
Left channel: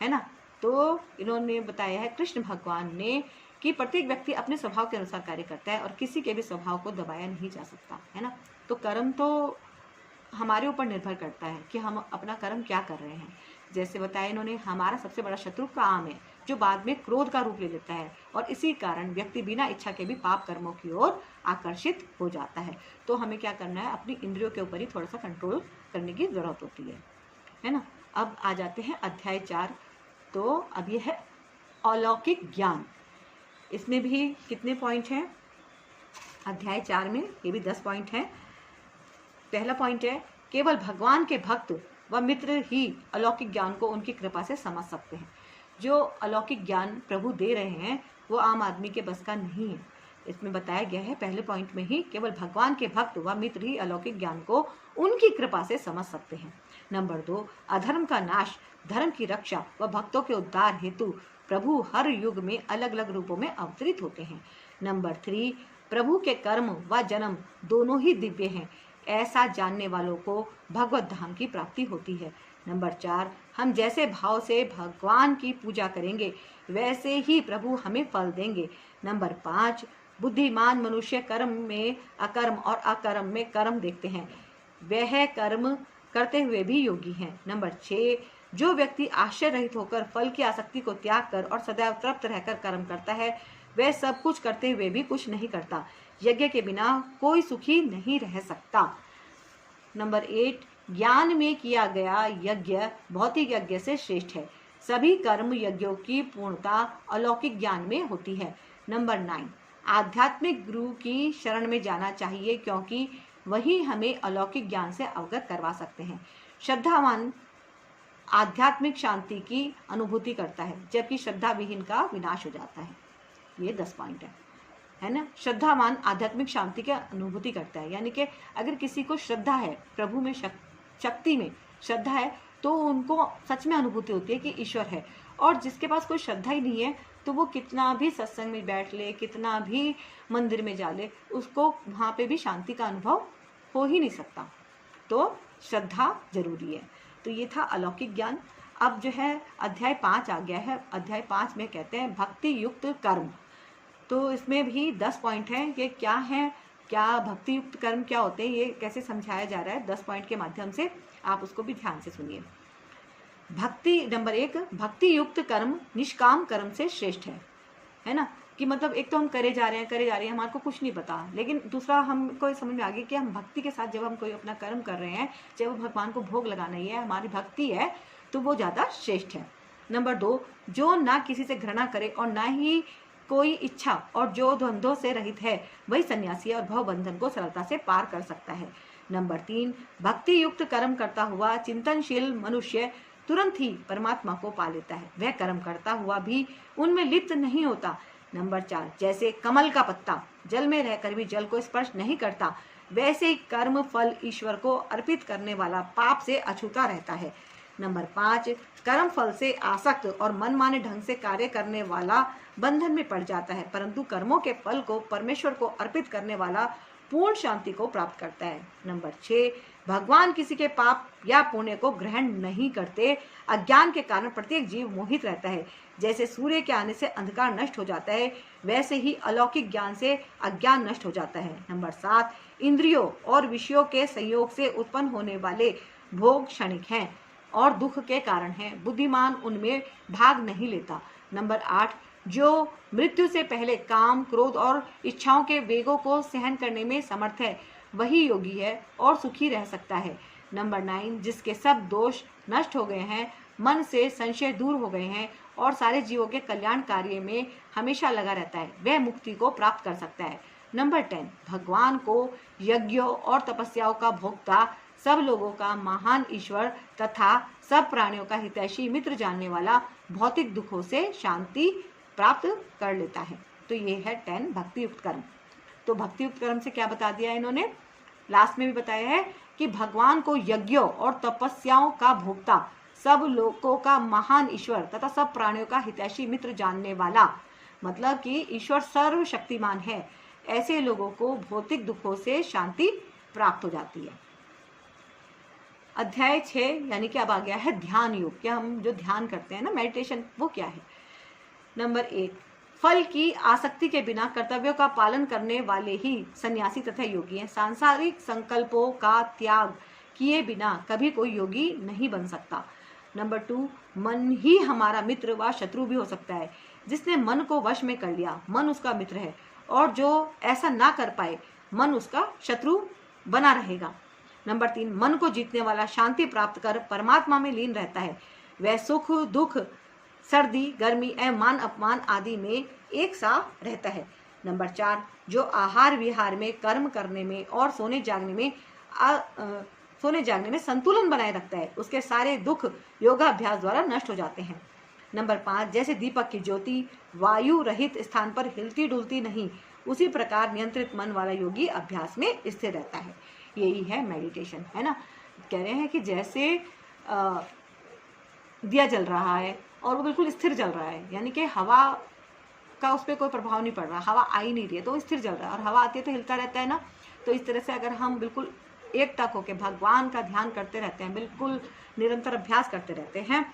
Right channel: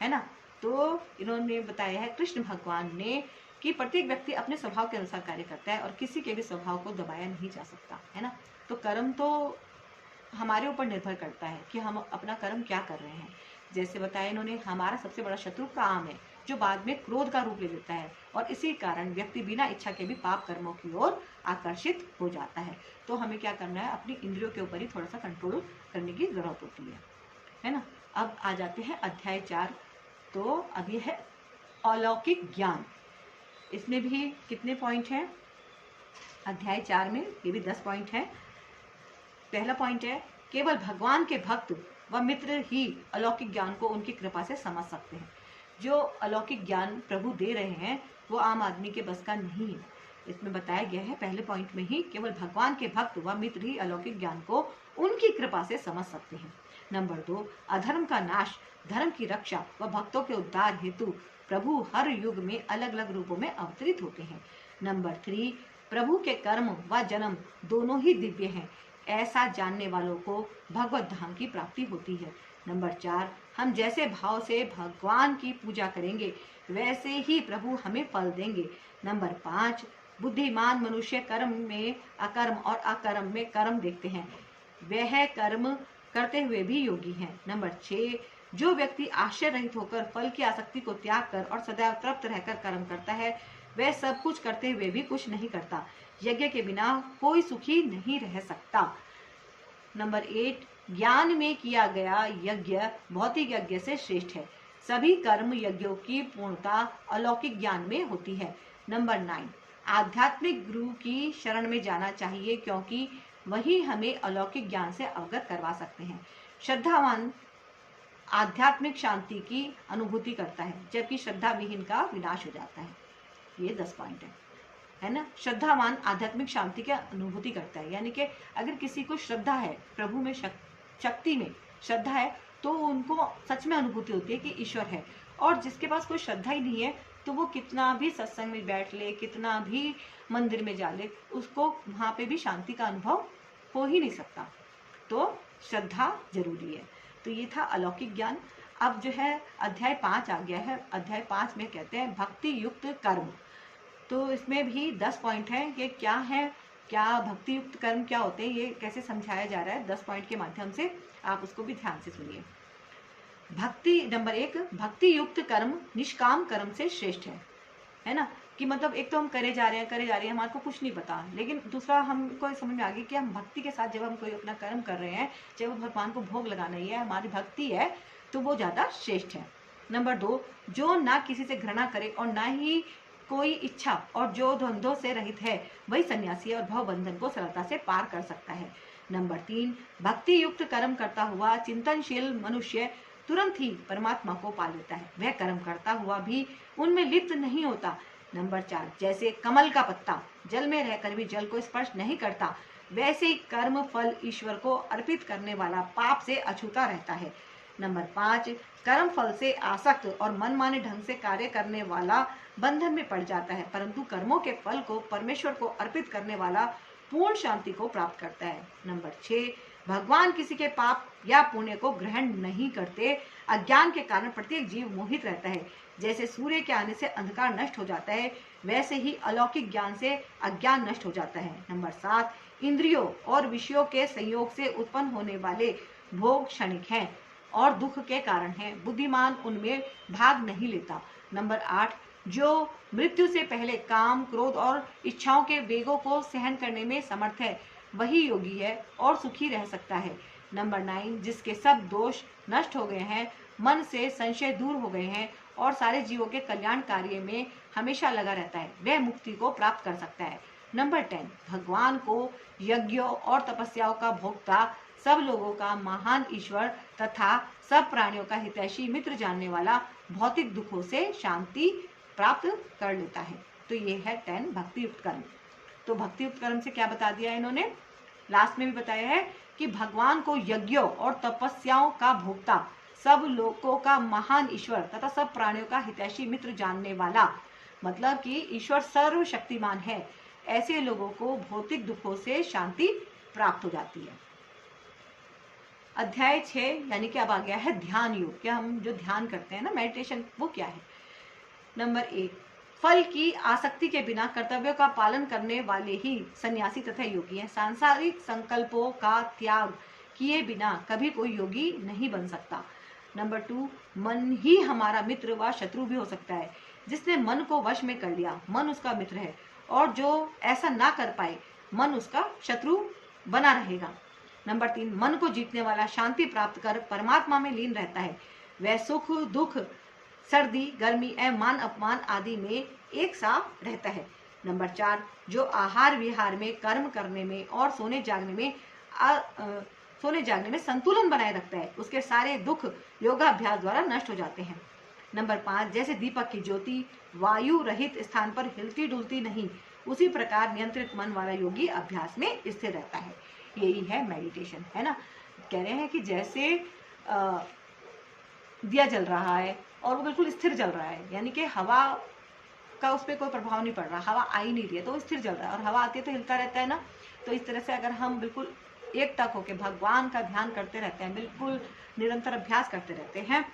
है ना। तो इन्होंने बताया है कृष्ण भगवान ने कि प्रत्येक व्यक्ति अपने स्वभाव के अनुसार कार्य करता है और किसी के भी स्वभाव को दबाया नहीं जा सकता, है ना। तो कर्म तो हमारे ऊपर निर्भर करता है कि हम अपना कर्म क्या कर रहे हैं। जैसे बताया इन्होंने, हमारा सबसे बड़ा शत्रु काम है, जो बाद में क्रोध का रूप ले लेता है, और इसी कारण व्यक्ति बिना इच्छा के भी पाप कर्मों की ओर आकर्षित हो जाता है। तो हमें क्या करना है, अपनी इंद्रियों के ऊपर ही थोड़ा सा कंट्रोल करने की जरूरत होती है ना। अब आ जाते हैं अध्याय 4। तो अब ये है अलौकिक ज्ञान। इसमें भी कितने पॉइंट हैं अध्याय 4 में, ये भी 10 पॉइंट हैं। पहला पॉइंट है, केवल भगवान के भक्त व मित्र ही अलौकिक ज्ञान को उनकी कृपा से समझ सकते हैं। जो अलौकिक ज्ञान प्रभु दे रहे हैं वो आम आदमी के बस का नहीं है। इसमें बताया गया है पहले पॉइंट में ही, केवल भगवान के भक्त व मित्र ही अलौकिक ज्ञान को उनकी कृपा से समझ सकते हैं। नंबर 2, अधर्म का नाश, धर्म की रक्षा व भक्तों के उद्धार हेतु प्रभु हर युग में अलग अलग रूपों में अवतरित होते हैं। नंबर 3, प्रभु के कर्म व जन्म दोनों ही दिव्य हैं, ऐसा जानने वालों को भगवत धाम की प्राप्ति होती है। नंबर 4, हम जैसे भाव से भगवान की पूजा करेंगे वैसे ही प्रभु हमें फल देंगे। नंबर 5, बुद्धिमान मनुष्य कर्म में अकर्म और अकर्म में कर्म देखते हैं, वह कर्म करते हुए भी योगी हैं। नंबर 6, जो व्यक्ति आश्चर्य रहित होकर फल की आसक्ति को त्याग कर और सदैव तृप्त रहकर कर्म करता है, वह सब कुछ करते हुए भी कुछ नहीं करता। यज्ञ के बिना कोई सुखी नहीं रह सकता। नंबर 8, ज्ञान में किया गया यज्ञ भौतिक यज्ञ से श्रेष्ठ है। सभी कर्म यज्ञों की पूर्णता अलौकिक ज्ञान में होती है। नंबर 9, आध्यात्मिक गुरु की शरण में जाना चाहिए, क्योंकि वही हमें अलौकिक ज्ञान से अवगत करवा सकते हैं। श्रद्धावान आध्यात्मिक शांति की अनुभूति करता है, जबकि श्रद्धा विहीन का विनाश हो जाता है। ये 10 पॉइंट है ना। श्रद्धावान आध्यात्मिक शांति की अनुभूति करता है, यानी कि अगर किसी को श्रद्धा है, प्रभु में शक्ति में श्रद्धा है, तो उनको सच में अनुभूति होती है कि ईश्वर है। और जिसके पास कोई श्रद्धा ही नहीं है तो वो कितना भी सत्संग में बैठ ले, कितना भी मंदिर में जा ले, उसको वहां पे भी शांति का अनुभव हो ही नहीं सकता। तो श्रद्धा जरूरी है। तो ये था अलौकिक ज्ञान। अब जो है अध्याय 5 आ गया है। अध्याय 5 में कहते हैं भक्ति युक्त कर्म। तो इसमें भी 10 पॉइंट हैं कि क्या है, क्या भक्ति युक्त कर्म क्या होते हैं, ये कैसे समझाया जा रहा है 10 पॉइंट के माध्यम से। आप उसको भी ध्यान से सुनिए। भक्ति नंबर 1, भक्ति युक्त कर्म निष्काम कर्म से श्रेष्ठ है ना। कि मतलब एक तो हम करे जा रहे हैं, हमारे को कुछ नहीं पता, लेकिन दूसरा हमको समझ में आ गया कि हम भक्ति के साथ जब हम कोई अपना कर्म कर रहे हैं, चाहे वो भगवान को भोग लगाना ही है, हमारी भक्ति है, तो वो ज्यादा श्रेष्ठ है। नंबर 2, जो ना किसी से घृणा करे और ना ही कोई इच्छा और जो द्वंद्वों से रहित है, वही सन्यासी और भव बंधन को सरलता से पार कर सकता है। नंबर 3, भक्ति युक्त कर्म करता हुआ चिंतनशील मनुष्य तुरंत ही परमात्मा को पा लेता है। वह कर्म करता हुआ भी उनमें लिप्त नहीं होता। नंबर 4, जैसे कमल का पत्ता जल में रहकर भी जल को स्पर्श नहीं करता, वैसे ही कर्म फल ईश्वर को अर्पित करने वाला पाप से अछूता रहता है। नंबर 5, कर्म फल से आसक्त और मनमाने ढंग से कार्य करने वाला बंधन में पड़ जाता है, परंतु कर्मों के फल को परमेश्वर को अर्पित करने वाला पूर्ण शांति को प्राप्त करता है। नंबर 6, भगवान किसी के पाप या पुण्य को ग्रहण नहीं करते। अज्ञान के कारण प्रत्येक जीव मोहित रहता है। जैसे सूर्य के आने से अंधकार नष्ट हो जाता है, वैसे ही अलौकिक ज्ञान से अज्ञान नष्ट हो जाता है। नंबर 7, इंद्रियों और विषयों के संयोग से उत्पन्न होने वाले भोग क्षणिक हैं और दुख के कारण हैं, बुद्धिमान उनमें भाग नहीं लेता। नंबर 8, जो मृत्यु से पहले काम, क्रोध और इच्छाओं के वेगों को सहन करने में समर्थ है, वही योगी है और सुखी रह सकता है। नंबर 9, जिसके सब दोष नष्ट हो गए हैं, मन से संशय दूर हो गए हैं और सारे जीवों के कल्याण कार्य में हमेशा लगा रहता है, वह मुक्ति को प्राप्त कर सकता है। नंबर 10, भगवान को यज्ञों और तपस्याओं का भोक्ता, सब लोगों का महान ईश्वर तथा सब प्राणियों का हितैषी मित्र जानने वाला भौतिक दुखों से शांति प्राप्त कर लेता है। तो ये है 10 भक्ति युक्त कर्म। तो भक्ति युक्त कर्म से क्या बता दिया है इन्होंने, लास्ट में भी बताया है कि भगवान को यज्ञों और तपस्याओं का भोक्ता, सब लोगों का महान ईश्वर तथा सब प्राणियों का हितैषी मित्र जानने वाला, मतलब कि ईश्वर सर्वशक्तिमान है, ऐसे लोगों को भौतिक दुखों से शांति प्राप्त हो जाती है। अध्याय 6 यानी कि अब आ गया है ध्यान योग। क्या हम जो ध्यान करते हैं ना, मेडिटेशन, वो क्या है। नंबर 1, फल की आसक्ति के बिना कर्तव्यों का पालन करने वाले ही सन्यासी तथा योगी हैं। सांसारिक संकल्पों का त्याग किए बिना कभी कोई योगी नहीं बन सकता। नंबर 2, मन ही हमारा मित्र व शत्रु भी हो सकता है। जिसने मन को वश में कर लिया, मन उसका मित्र है, और जो ऐसा ना कर पाए, मन उसका शत्रु बना रहेगा। नंबर 3, मन को जीतने वाला शांति प्राप्त कर परमात्मा में लीन रहता है। वह सुख दुख, सर्दी गर्मी एवं मान अपमान आदि में एक सा रहता है। नंबर 4, जो आहार विहार में, कर्म करने में और सोने जागने में संतुलन बनाए रखता है, उसके सारे दुख योगाभ्यास द्वारा नष्ट हो जाते हैं। नंबर 5, जैसे दीपक की ज्योति वायु रहित स्थान पर हिलती डुलती नहीं, उसी प्रकार नियंत्रित मन वाला योगी अभ्यास में स्थिर रहता है। यही है मेडिटेशन, है ना। कह रहे हैं कि जैसे दिया जल रहा है और वो बिल्कुल स्थिर जल रहा है, यानी कि हवा का उस पर कोई प्रभाव नहीं पड़ रहा, हवा आ ही नहीं रही है तो स्थिर जल रहा है, और हवा आती है तो हिलता रहता है ना। तो इस तरह से अगर हम बिल्कुल एक टक होकर भगवान का ध्यान करते रहते हैं, बिल्कुल निरंतर अभ्यास करते रहते हैं,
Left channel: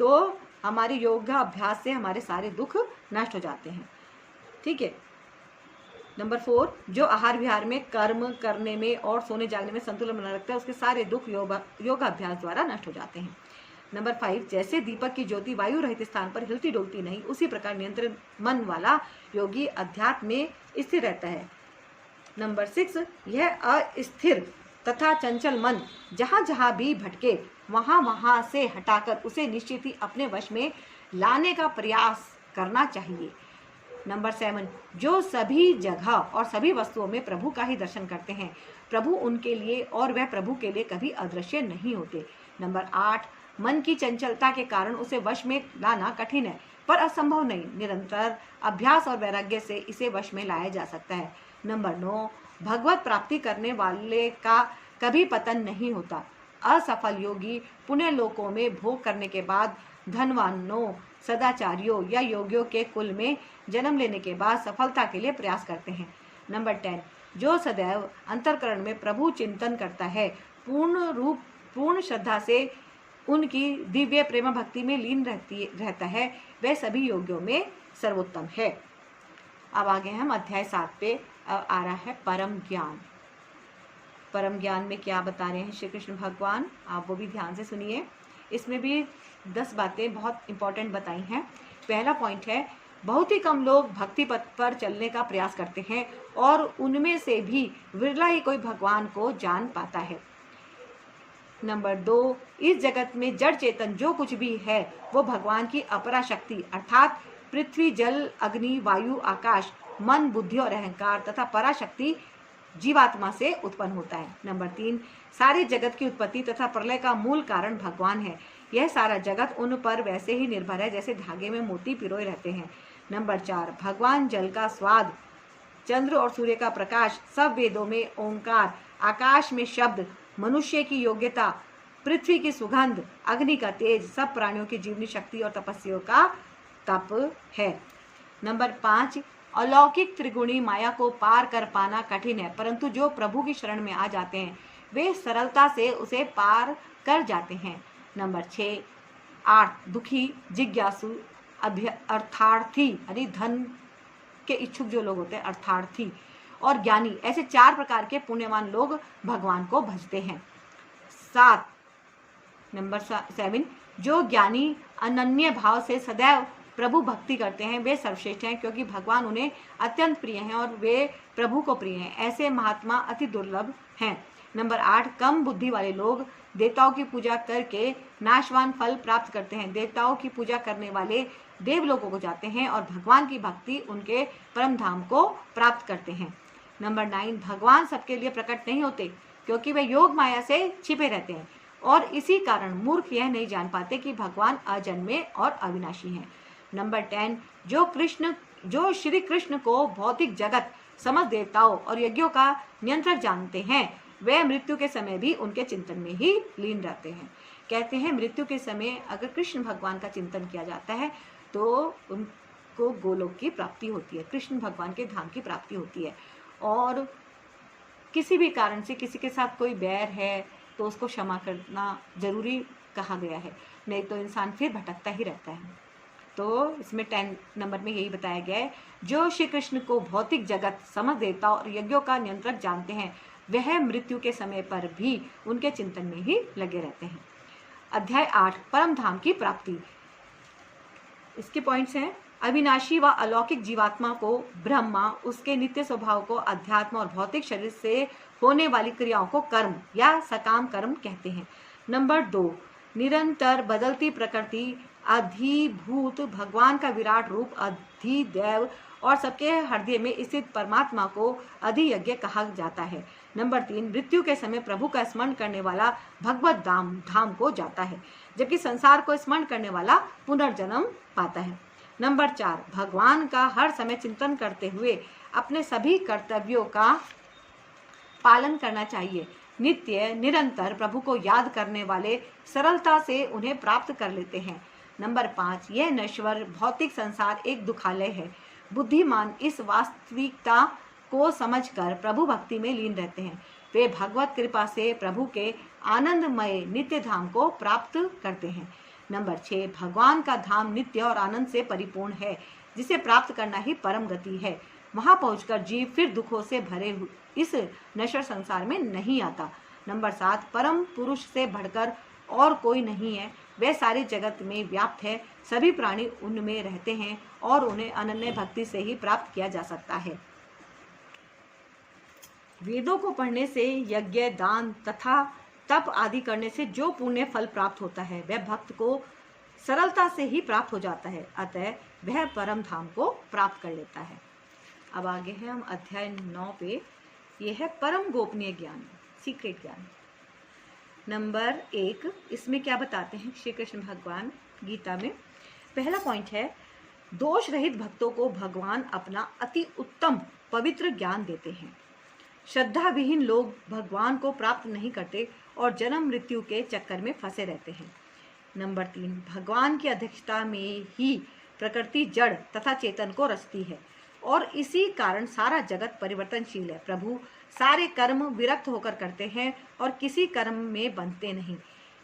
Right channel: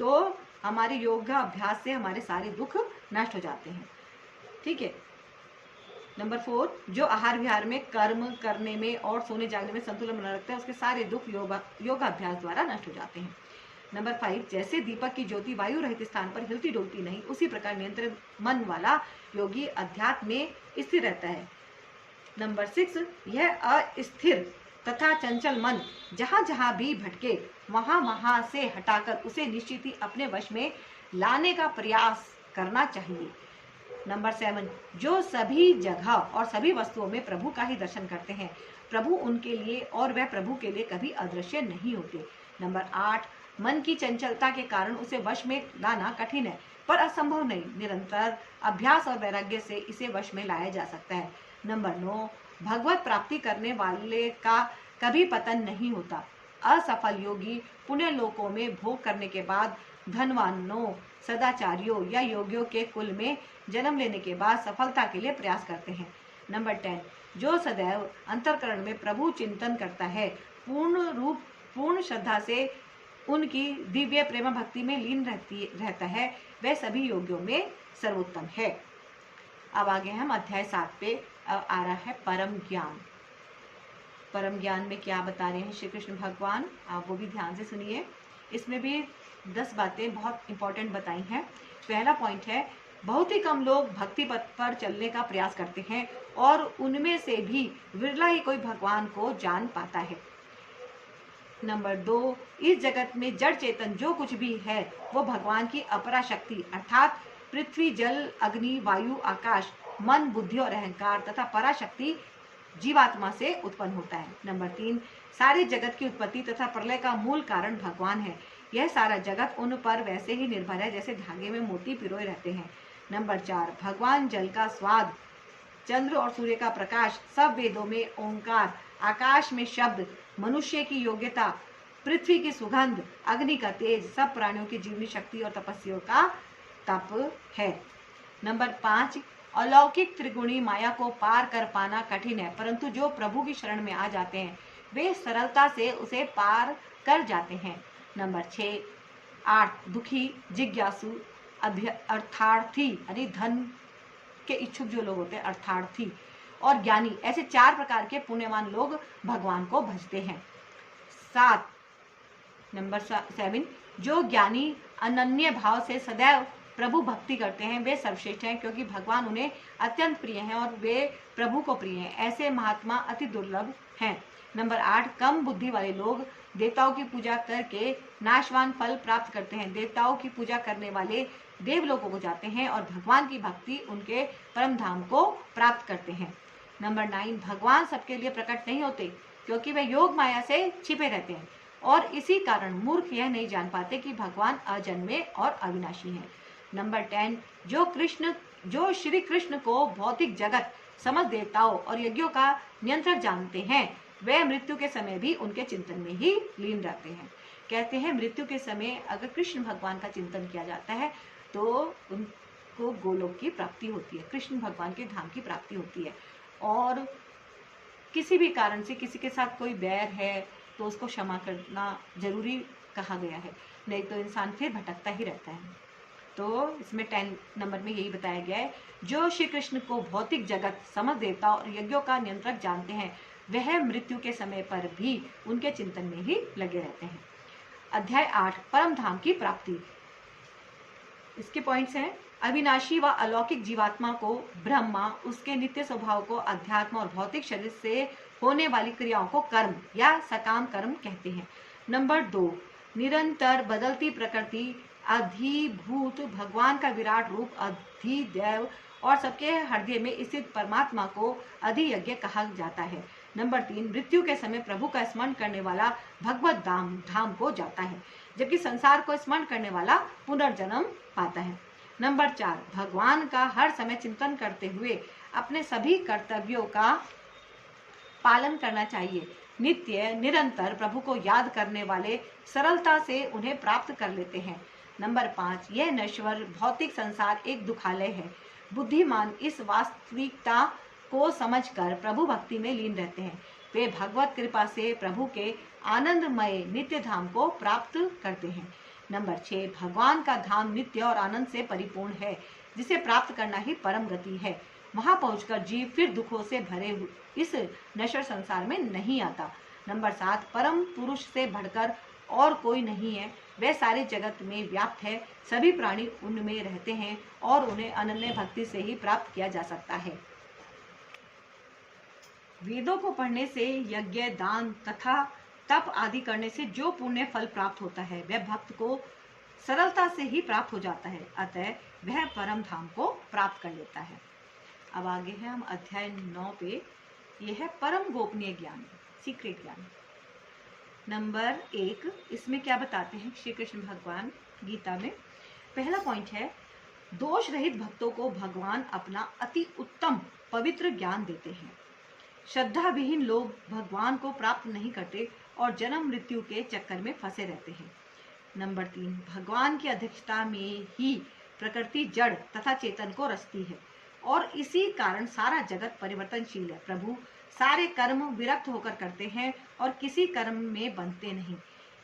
तो हमारे योगा अभ्यास से हमारे सारे दुख नष्ट हो जाते हैं। ठीक है। नंबर 4, जो आहार विहार में, कर्म करने में और सोने जागने में संतुलन बनाए रखता है, उसके सारे दुख योगाभ्यास द्वारा नष्ट हो जाते हैं। नंबर 5, जैसे दीपक की ज्योति वायु रहित स्थान पर हिलती डुलती नहीं, उसी प्रकार नियंत्रित मन वाला योगी अध्यात्म में स्थिर रहता है। नंबर 6, यह अस्थिर तथा चंचल मन जहाँ जहाँ भी भटके, वहाँ वहाँ से हटाकर उसे निश्चित ही अपने वश में लाने का प्रयास करना चाहिए। नंबर 7, जो सभी जगह और सभी वस्तुओं में प्रभु का ही दर्शन करते हैं, प्रभु उनके लिए और वह प्रभु के लिए कभी अदृश्य नहीं होते। नंबर 8, मन की चंचलता के कारण उसे वश में लाना कठिन है, पर असंभव नहीं। निरंतर अभ्यास और वैराग्य से इसे वश में लाया जा सकता है। नंबर 9, भगवत प्राप्ति करने वाले का कभी पतन नहीं होता। असफल योगी पुण्य लोकों में भोग करने के बाद धनवानों, सदाचारियों या योगियों के कुल में जन्म लेने के बाद सफलता के लिए प्रयास करते हैं। नंबर 10, जो सदैव अंतःकरण में प्रभु चिंतन करता है, पूर्ण श्रद्धा से उनकी दिव्य प्रेम भक्ति में लीन रहता है, वह सभी योगियों में सर्वोत्तम है। अब आगे हम अध्याय 7 पे आ रहा है परम ज्ञान। परम ज्ञान में क्या बता रहे हैं श्री कृष्ण भगवान, आप वो भी ध्यान से सुनिए। इसमें भी 10 बातें बहुत इंपॉर्टेंट बताई हैं। पहला पॉइंट है, बहुत ही कम लोग भक्ति पथ पर चलने का प्रयास करते हैं और उनमें से भी विरला ही कोई भगवान को जान पाता है। नंबर 2, इस जगत में जड़ चेतन जो कुछ भी है वो भगवान की अपरा शक्ति अर्थात पृथ्वी, जल, अग्नि, वायु, आकाश, मन, बुद्धि और अहंकार तथा पराशक्ति जीवात्मा से उत्पन्न होता है। नंबर 3, सारे जगत की उत्पत्ति तथा प्रलय का मूल कारण भगवान है। यह सारा जगत उन पर वैसे ही निर्भर है जैसे धागे में मोती पिरोए रहते हैं। नंबर 4, भगवान जल का स्वाद, चंद्र और सूर्य का प्रकाश, सब वेदों में ओंकार, आकाश में शब्द, मनुष्य की योग्यता, पृथ्वी की सुगंध, अग्नि का तेज, सब प्राणियों की जीवनी शक्ति और तपस्वियों का तप है। नंबर 5, अलौकिक त्रिगुणी माया को पार कर पाना कठिन है, परंतु जो प्रभु की शरण में आ जाते हैं वे सरलता से उसे पार कर जाते हैं। नंबर 6, 8, दुखी, जिज्ञासु, अर्थार्थी यानी धन के इच्छुक जो लोग होते हैं, अर्थार्थी और ज्ञानी, ऐसे 4 प्रकार के पुण्यवान लोग भगवान को भजते हैं। 7, नंबर 7, जो ज्ञानी अनन्य भाव से सदैव प्रभु भक्ति करते हैं वे सर्वश्रेष्ठ हैं, क्योंकि भगवान उन्हें अत्यंत प्रिय हैं और वे प्रभु को प्रिय हैं। ऐसे महात्मा अति दुर्लभ हैं। नंबर 8, कम बुद्धि वाले लोग देवताओं की पूजा करके नाशवान फल प्राप्त करते हैं। देवताओं की पूजा करने वाले देवलोकों को जाते हैं और भगवान की भक्ति उनके परम धाम को प्राप्त करते हैं। नंबर 9, भगवान सबके लिए प्रकट नहीं होते क्योंकि वे योग माया से छिपे रहते हैं और इसी कारण मूर्ख यह नहीं जान पाते कि भगवान अजन्मे और अविनाशी हैं। नंबर 10, जो श्री कृष्ण को भौतिक जगत, समस्त देवताओं और यज्ञों का नियंत्रण जानते हैं वे मृत्यु के समय भी उनके चिंतन में ही लीन रहते हैं। कहते हैं मृत्यु के समय अगर कृष्ण भगवान का चिंतन किया जाता है तो उनको गोलोक की प्राप्ति होती है, कृष्ण भगवान के धाम की प्राप्ति होती है। और किसी भी कारण से किसी के साथ कोई बैर है तो उसको क्षमा करना जरूरी कहा गया है, नहीं तो इंसान फिर भटकता ही रहता है। तो इसमें 10 नंबर में यही बताया गया है, जो श्री कृष्ण को भौतिक जगत, समस्त देवता और यज्ञों का नियंत्रक जानते हैं वह मृत्यु के समय पर भी उनके चिंतन में ही लगे रहते हैं। अध्याय 8, परम धाम की प्राप्ति। इसके पॉइंट्स हैं, अविनाशी व अलौकिक जीवात्मा को ब्रह्मा, उसके नित्य स्वभाव को अध्यात्म और भौतिक शरीर से होने वाली क्रियाओं को कर्म या सकाम कर्म कहते हैं। नंबर 2, निरंतर बदलती प्रकृति, अधिभूत भगवान का विराट रूप, अधिदैव और सबके हृदय में स्थित परमात्मा को अधियज्ञ कहा जाता है। नंबर 3, मृत्यु के समय प्रभु का स्मरण करने वाला भगवत धाम को जाता है, जबकि संसार को स्मरण करने वाला पुनर्जन्म पाता है। नंबर 4, भगवान का हर समय चिंतन करते हुए अपने सभी कर्तव्यों का पालन करना चाहिए। नित्य निरंतर प्रभु को याद करने वाले सरलता से उन्हें प्राप्त कर लेते हैं। नंबर 5, यह नश्वर भौतिक संसार एक दुखालय है। बुद्धिमान इस वास्तविकता को समझकर प्रभु भक्ति में लीन रहते हैं। वे भगवत कृपा से प्रभु के आनंदमय नित्य धाम को प्राप्त करते हैं। नंबर 6, भगवान का धाम नित्य और आनंद से परिपूर्ण है, जिसे प्राप्त करना ही परम गति है। वहां पहुंचकर जीव फिर दुखों से भरे इस नश्वर संसार में नहीं आता। नंबर 7, परम पुरुष से बढ़कर और कोई नहीं है, वह सारे जगत में व्याप्त है, सभी प्राणी उनमें रहते हैं और उन्हें अनन्य भक्ति से ही प्राप्त किया जा सकता है। वेदों को पढ़ने से, यज्ञ, दान तथा तप आदि करने से जो पुण्य फल प्राप्त होता है वह भक्त को सरलता से ही प्राप्त हो जाता है, अतः वह परम धाम को प्राप्त कर लेता है। अब आगे है हम अध्याय 9 पे, यह है परम गोपनीय ज्ञान, सीक्रेट ज्ञान। नंबर 1, इसमें क्या बताते हैं श्री कृष्ण भगवान गीता में। पहला पॉइंट है, दोष रहित भक्तों को भगवान अपना अति उत्तम पवित्र ज्ञान देते हैं। श्रद्धा विहीन लोग भगवान को प्राप्त नहीं करते और जन्म मृत्यु के चक्कर में फंसे रहते हैं। नंबर 3, भगवान की अध्यक्षता में ही प्रकृति जड़ तथा चेतन को रचती है और इसी कारण सारा जगत परिवर्तनशील है। प्रभु सारे कर्म विरक्त होकर करते हैं और किसी कर्म में बंधते नहीं।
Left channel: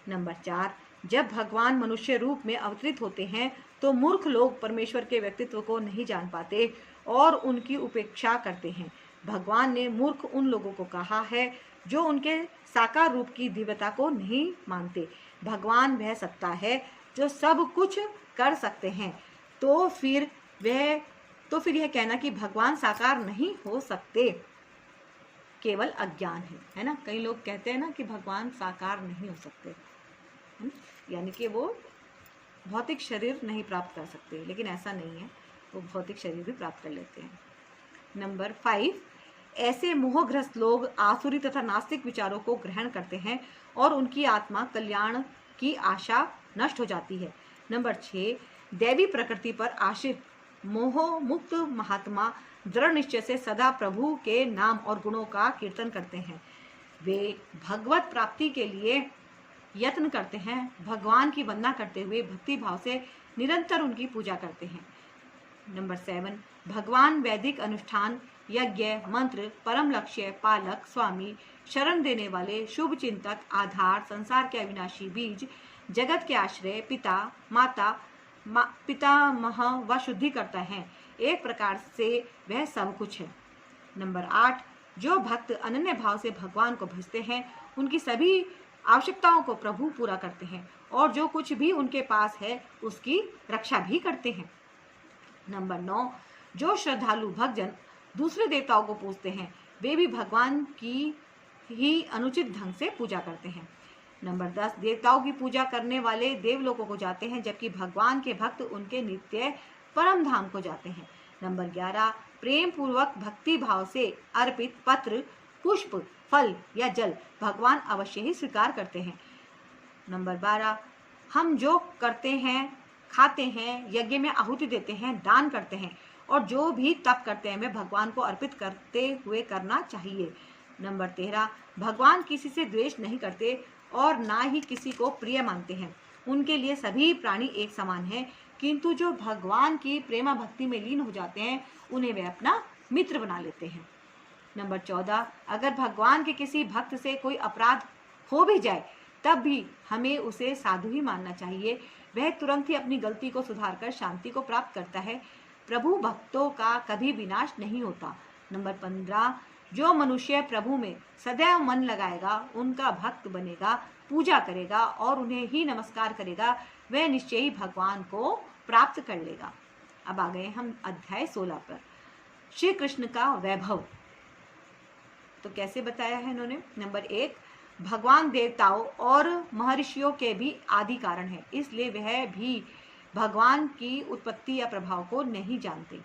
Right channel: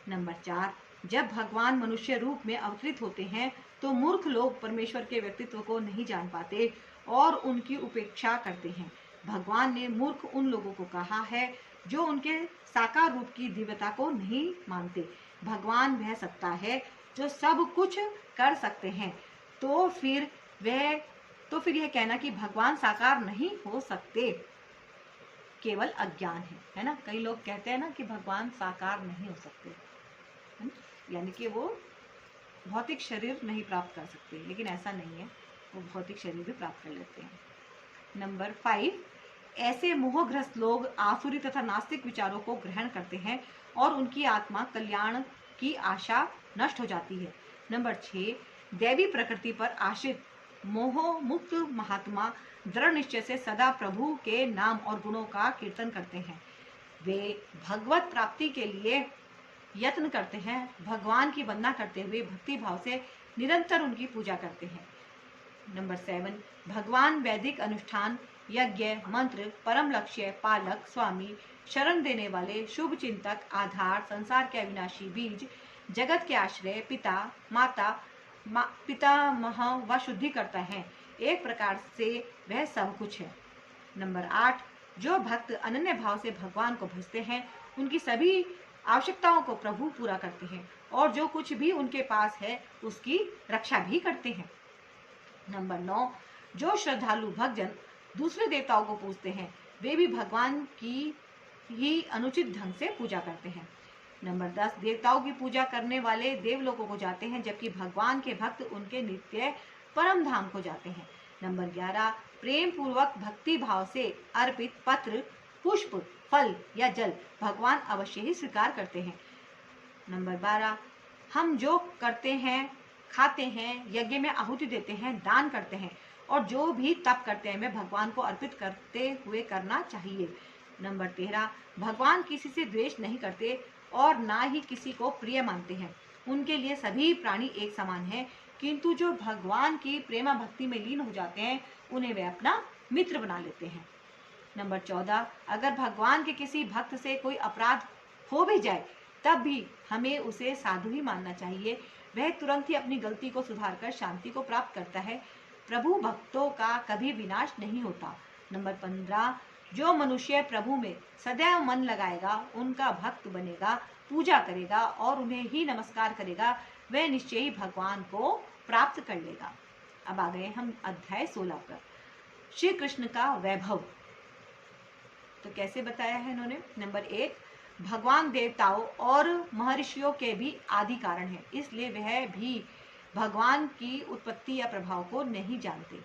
नंबर 4, जब भगवान मनुष्य रूप में अवतरित होते हैं तो मूर्ख लोग परमेश्वर के व्यक्तित्व को नहीं जान पाते और उनकी उपेक्षा करते हैं। भगवान ने मूर्ख उन लोगों को कहा है जो उनके साकार रूप की दिव्यता को नहीं मानते। भगवान वह सत्ता है जो सब कुछ कर सकते हैं, तो फिर यह कहना कि भगवान साकार नहीं हो सकते केवल अज्ञान है ना। कई लोग कहते हैं ना कि भगवान साकार नहीं हो सकते, है ना, यानी कि वो भौतिक शरीर नहीं प्राप्त कर सकते, लेकिन ऐसा नहीं है, वो भौतिक शरीर भी प्राप्त कर लेते हैं। नंबर 5, ऐसे मोहग्रस्त लोग आसुरी तथा नास्तिक विचारों को ग्रहण करते हैं और उनकी आत्मा कल्याण की आशा नष्ट हो जाती है। नंबर 6, दैवी प्रकृति पर आश्रित मोह मुक्त महात्मा दृढ़ निश्चय से सदा प्रभु के नाम और गुणों का कीर्तन करते हैं। वे भगवत प्राप्ति के लिए यत्न करते हैं, भगवान की वंदना करते हुए भक्ति भाव से निरंतर उनकी पूजा करते हैं। नंबर 7, भगवान वैदिक अनुष्ठान, यज्ञ, मंत्र, परम लक्ष्य, पालक, स्वामी, शरण देने वाले, शुभ चिंतक, आधार, संसार के अविनाशी बीज, जगत के आश्रय, पिता, माता, पितामह व शुद्धि करता है। एक प्रकार से वह सब कुछ है। नंबर 8, जो भक्त अनन्य भाव से भगवान को भजते हैं उनकी सभी आवश्यकताओं को प्रभु पूरा करते हैं और जो कुछ भी उनके पास है उसकी रक्षा भी करते हैं। नंबर 9, जो श्रद्धालु भक्तजन दूसरे देवताओं को पूजते हैं वे भी भगवान की ही अनुचित ढंग से पूजा करते हैं। नंबर 10, देवताओं की पूजा करने वाले देवलोकों को जाते हैं जबकि भगवान के भक्त उनके नित्य परम धाम को जाते हैं। नंबर 11, प्रेम पूर्वक भक्ति भाव से अर्पित पत्र, पुष्प, फल या जल भगवान अवश्य ही स्वीकार करते हैं। नंबर 12, हम जो करते हैं, खाते हैं, यज्ञ में आहुति देते हैं, दान करते हैं और जो भी तप करते हैं वे भगवान को अर्पित करते हुए करना चाहिए। नंबर 13, भगवान किसी से द्वेष नहीं करते और ना ही किसी को प्रिय मानते हैं। उनके लिए सभी प्राणी एक समान हैं, किंतु जो भगवान की प्रेमा भक्ति में लीन हो जाते हैं उन्हें वे अपना मित्र बना लेते हैं। नंबर 14, अगर भगवान के किसी भक्त से कोई अपराध हो भी जाए तब भी हमें उसे साधु ही मानना चाहिए। वह तुरंत ही अपनी गलती को सुधारकर शांति को प्राप्त करता है। प्रभु भक्तों का कभी विनाश नहीं होता। नंबर 15, जो मनुष्य प्रभु में सदैव मन लगाएगा, उनका भक्त बनेगा, पूजा करेगा और उन्हें ही नमस्कार करेगा, वह निश्चय ही भगवान को प्राप्त कर लेगा। अब आ गए हम अध्याय 16 पर। श्री कृष्ण का वैभव तो कैसे बताया है इन्होंने। नंबर 1, भगवान देवताओं और महर्षियों के भी आदि कारण है, इसलिए वह भी भगवान की उत्पत्ति या प्रभाव को नहीं जानते।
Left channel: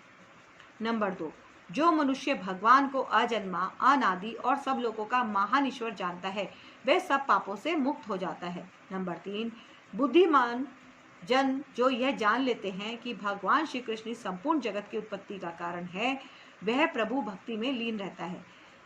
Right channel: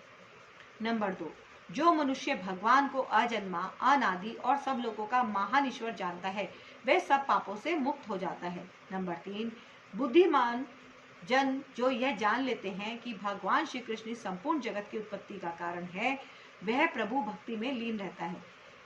नंबर 2, जो मनुष्य भगवान को अजन्मा, अनादि और सब लोगों का महान ईश्वर जानता है वह सब पापों से मुक्त हो जाता है। नंबर 3, बुद्धिमान जन जो यह जान लेते हैं कि भगवान श्री कृष्ण संपूर्ण जगत की उत्पत्ति का कारण है वह प्रभु भक्ति में लीन रहता है।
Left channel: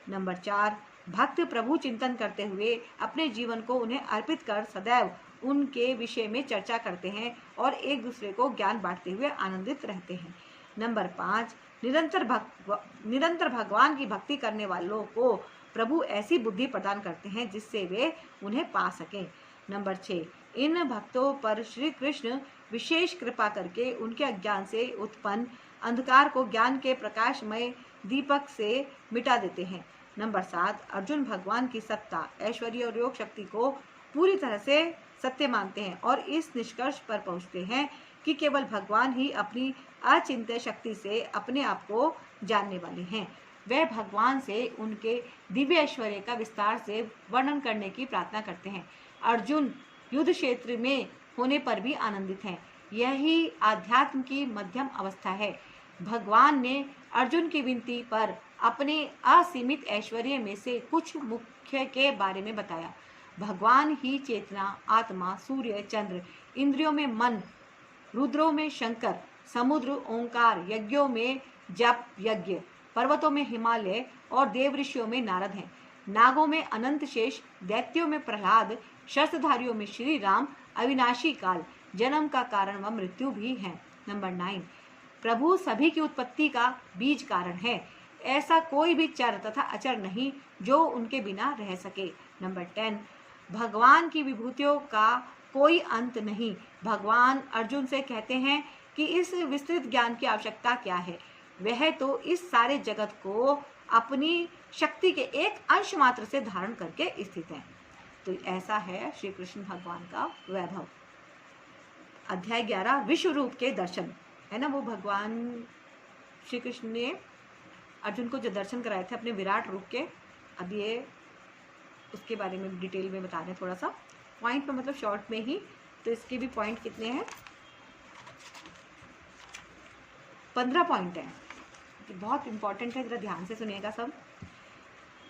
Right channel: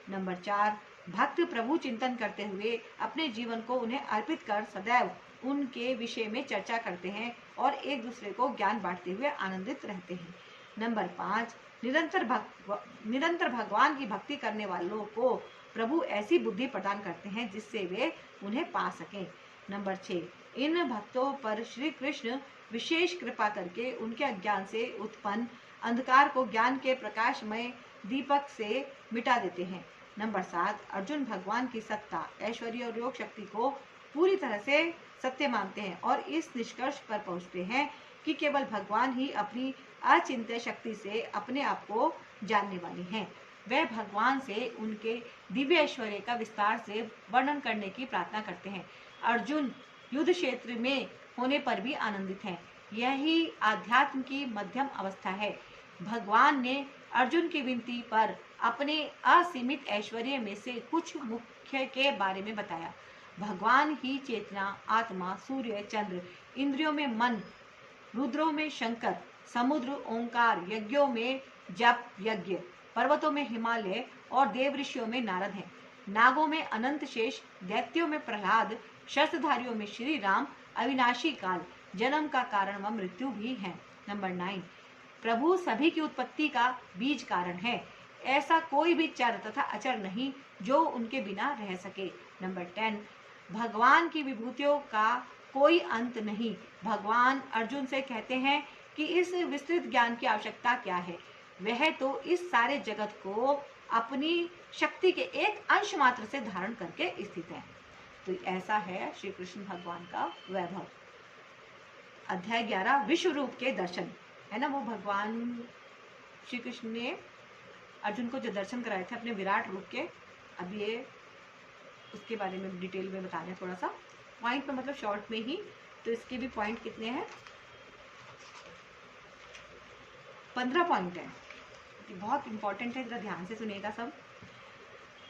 नंबर 4, भक्त प्रभु चिंतन करते हुए अपने जीवन को उन्हें अर्पित कर सदैव उनके विषय में चर्चा करते हैं और एक दूसरे को ज्ञान बांटते हुए आनंदित रहते हैं। नंबर 5, निरंतर भगवान की भक्ति करने वालों को प्रभु ऐसी बुद्धि प्रदान करते हैं जिससे वे उन्हें पा सकें। नंबर 6, इन भक्तों पर श्री कृष्ण विशेष कृपा करके उनके अज्ञान से उत्पन्न अंधकार को ज्ञान के प्रकाशमय दीपक से मिटा देते हैं। नंबर 7, अर्जुन भगवान की सत्ता, ऐश्वर्य और योग शक्ति को पूरी तरह से सत्य मानते हैं और इस निष्कर्ष पर पहुंचते हैं कि केवल भगवान ही अपनी अचिंत्य शक्ति से अपने आप को जानने वाले हैं। वे भगवान से उनके दिव्य ऐश्वर्य का विस्तार से वर्णन करने की प्रार्थना करते हैं। अर्जुन युद्ध क्षेत्र में होने पर भी आनंदित हैं। यही आध्यात्म की मध्यम अवस्था है। भगवान ने अर्जुन की विनती पर अपने असीमित ऐश्वर्य में से कुछ मुख्य के बारे में बताया। भगवान ही चेतना, आत्मा, सूर्य, चंद्र, इंद्रियों में मन, रुद्रों में शंकर, समुद्र ओंकार, यज्ञों में जप यज्ञ, पर्वतों में हिमालय और देव ऋषियों में नारद हैं। नागों में अनंत शेष, दैत्यों में प्रहलाद, शस्त्रधारियों में श्री राम, अविनाशी काल, जन्म का कारण व मृत्यु भी है। नंबर 9, प्रभु सभी की उत्पत्ति का बीज कारण है। ऐसा कोई भी चर तथा अचर नहीं जो उनके बिना रह सके। नंबर 10, भगवान की विभूतियों का कोई अंत नहीं। भगवान अर्जुन से कहते हैं कि इस विस्तृत ज्ञान की आवश्यकता क्या है। वह तो इस सारे जगत को अपनी शक्ति के एक अंश मात्र से धारण करके स्थित है। तो ऐसा है श्री कृष्ण भगवान का वैभव। अध्याय 11, विश्व रूप के दर्शन, है ना। वो भगवान श्री कृष्ण ने अर्जुन को जो दर्शन कराए थे अपने विराट रूप के, अब ये उसके बारे में डिटेल में बता रहे हैं थोड़ा सा पॉइंट में, मतलब शॉर्ट में ही। तो इसके भी पॉइंट कितने हैं, 15 पॉइंट है, बहुत इंपॉर्टेंट है, जरा ध्यान से सुनिएगा सब।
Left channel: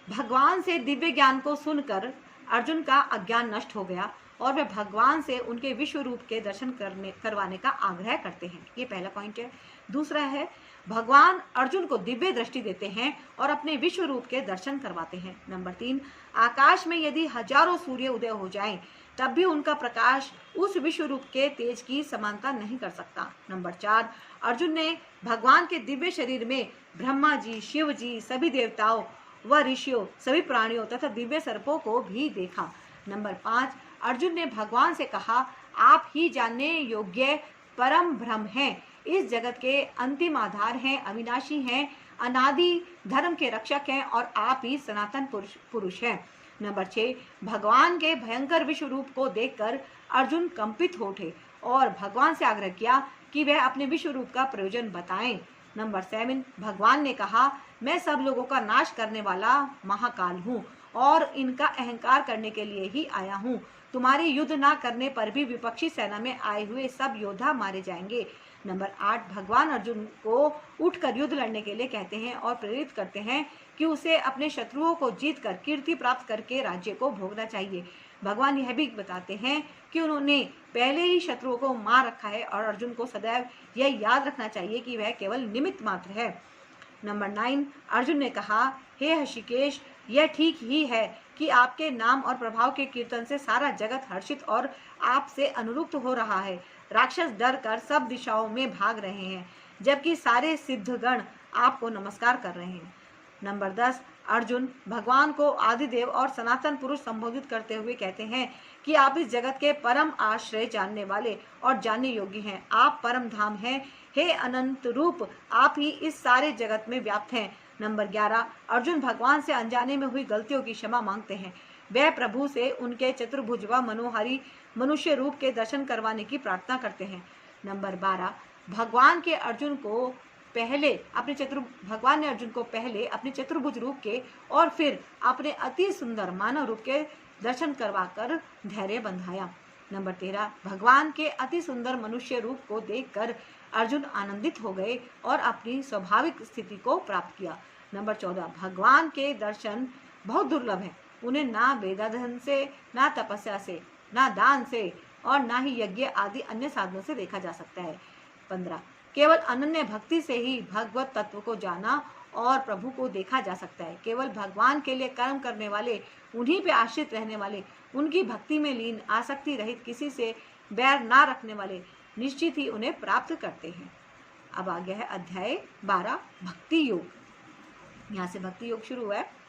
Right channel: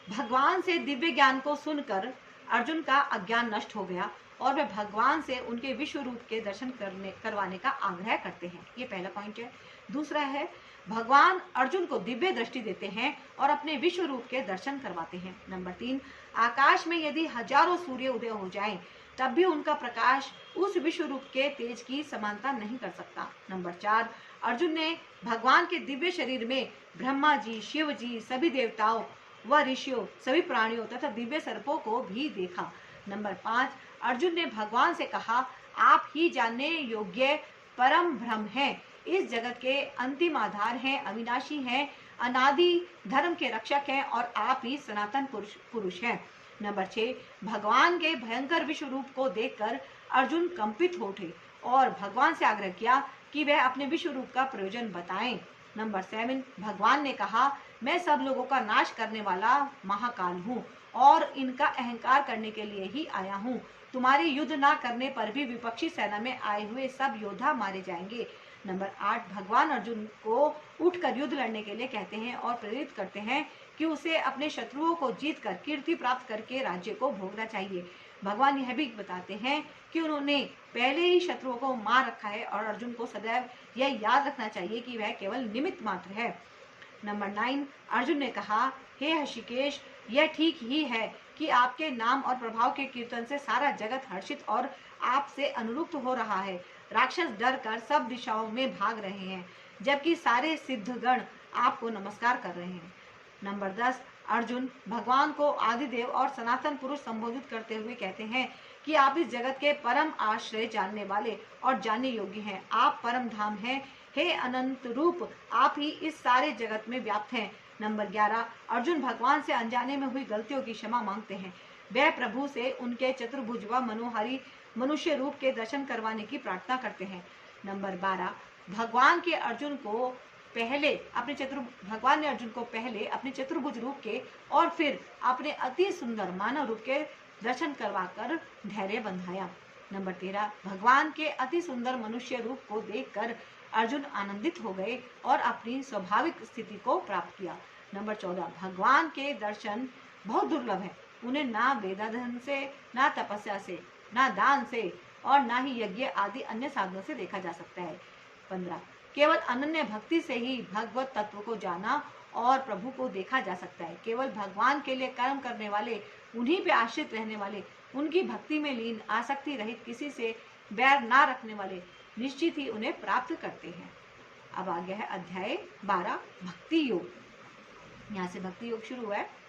भगवान से दिव्य ज्ञान को सुनकर अर्जुन का अज्ञान नष्ट हो गया और वे भगवान से उनके विश्व रूप के दर्शन करवाने का आग्रह करते हैं। ये पहला पॉइंट है। दूसरा है, भगवान अर्जुन को दिव्य दृष्टि देते हैं और अपने विश्व रूप के दर्शन करवाते हैं। नंबर 3, आकाश में यदि हजारों सूर्य उदय हो जाएं, तब भी उनका प्रकाश उस विश्व रूप के तेज की समानता नहीं कर सकता। नंबर 4, अर्जुन ने भगवान के दिव्य शरीर में ब्रह्मा जी, शिव जी, सभी देवताओं व ऋषियों, सभी प्राणियों तथा दिव्य सर्पों को भी देखा। नंबर 5, अर्जुन ने भगवान से कहा, आप ही जानने योग्य परम ब्रह्म हैं, इस जगत के अंतिम आधार हैं, अविनाशी हैं, अनादि धर्म के रक्षक हैं और आप ही सनातन पुरुष हैं। नंबर 6, भगवान के भयंकर विश्व रूप को देखकर अर्जुन कंपित हो उठे और भगवान से आग्रह किया कि वह अपने विश्व रूप का प्रयोजन बताएं। नंबर 7, भगवान ने कहा, मैं सब लोगों का नाश करने वाला महाकाल हूँ और इनका अहंकार करने के लिए ही आया हूँ। तुम्हारी युद्ध ना करने पर भी विपक्षी सेना में आए हुए सब योद्धा मारे जाएंगे। नंबर 8, भगवान अर्जुन को उठकर युद्ध लड़ने के लिए कहते हैं और प्रेरित करते हैं कि उसे अपने शत्रुओं को जीतकर कीर्ति प्राप्त करके राज्य को भोगना चाहिए। भगवान यह भी बताते हैं कि उन्होंने पहले ही शत्रुओं को मार रखा है और अर्जुन को सदैव यह याद रखना चाहिए कि वह केवल निमित्त मात्र है। नंबर 9, अर्जुन ने कहा, हे ऋषिकेश, यह ठीक ही है कि आपके नाम और प्रभाव के कीर्तन से सारा जगत हर्षित और आपसे अनुरुक्त हो रहा है। राक्षस डर कर सब दिशाओं में भाग रहे हैं, जबकि सारे सिद्धगण आपको नमस्कार कर रहे हैं। नंबर 10, अर्जुन भगवान को आदिदेव और सनातन पुरुष संबोधित करते हुए कहते हैं कि आप इस जगत के परम आश्रय जानने वाले और जानने योग्य हैं। आप परम धाम हैं, हे अनंत रूप, आप ही इस सारे जगत में व्याप्त हैं। नंबर 11, अर्जुन भगवान से अनजाने में हुई गलतियों की क्षमा मांगते हैं। वह प्रभु से उनके चतुर्भुज व मनोहारी मनुष्य रूप के दर्शन करवाने की प्रार्थना करते हैं। नंबर 12, भगवान ने अर्जुन को पहले अपने चतुर्भुज रूप के और फिर अपने अति सुंदर मानव रूप के दर्शन करवाकर धैर्य बंधाया। नंबर 13, भगवान के अति सुंदर मनुष्य रूप को देखकर अर्जुन आनंदित हो गए और अपनी स्वाभाविक स्थिति को प्राप्त किया। नंबर 14, भगवान के दर्शन बहुत दुर्लभ है। उन्हें ना वेदाध्ययन से, ना तपस्या से, ना दान से और ना ही यज्ञ आदि अन्य साधनों से देखा जा सकता है। 15, केवल अनन्य भक्ति से ही भगवत तत्व को जाना और प्रभु को देखा जा सकता है। केवल भगवान के लिए कर्म करने वाले, उन्हीं पे आश्रित रहने वाले, उनकी भक्ति में लीन, आसक्ति रहित, किसी से बैर ना रखने वाले निश्चित ही उन्हें प्राप्त करते हैं। अब आ गया है अध्याय 12, भक्ति योग। यहाँ से भक्ति योग शुरू है।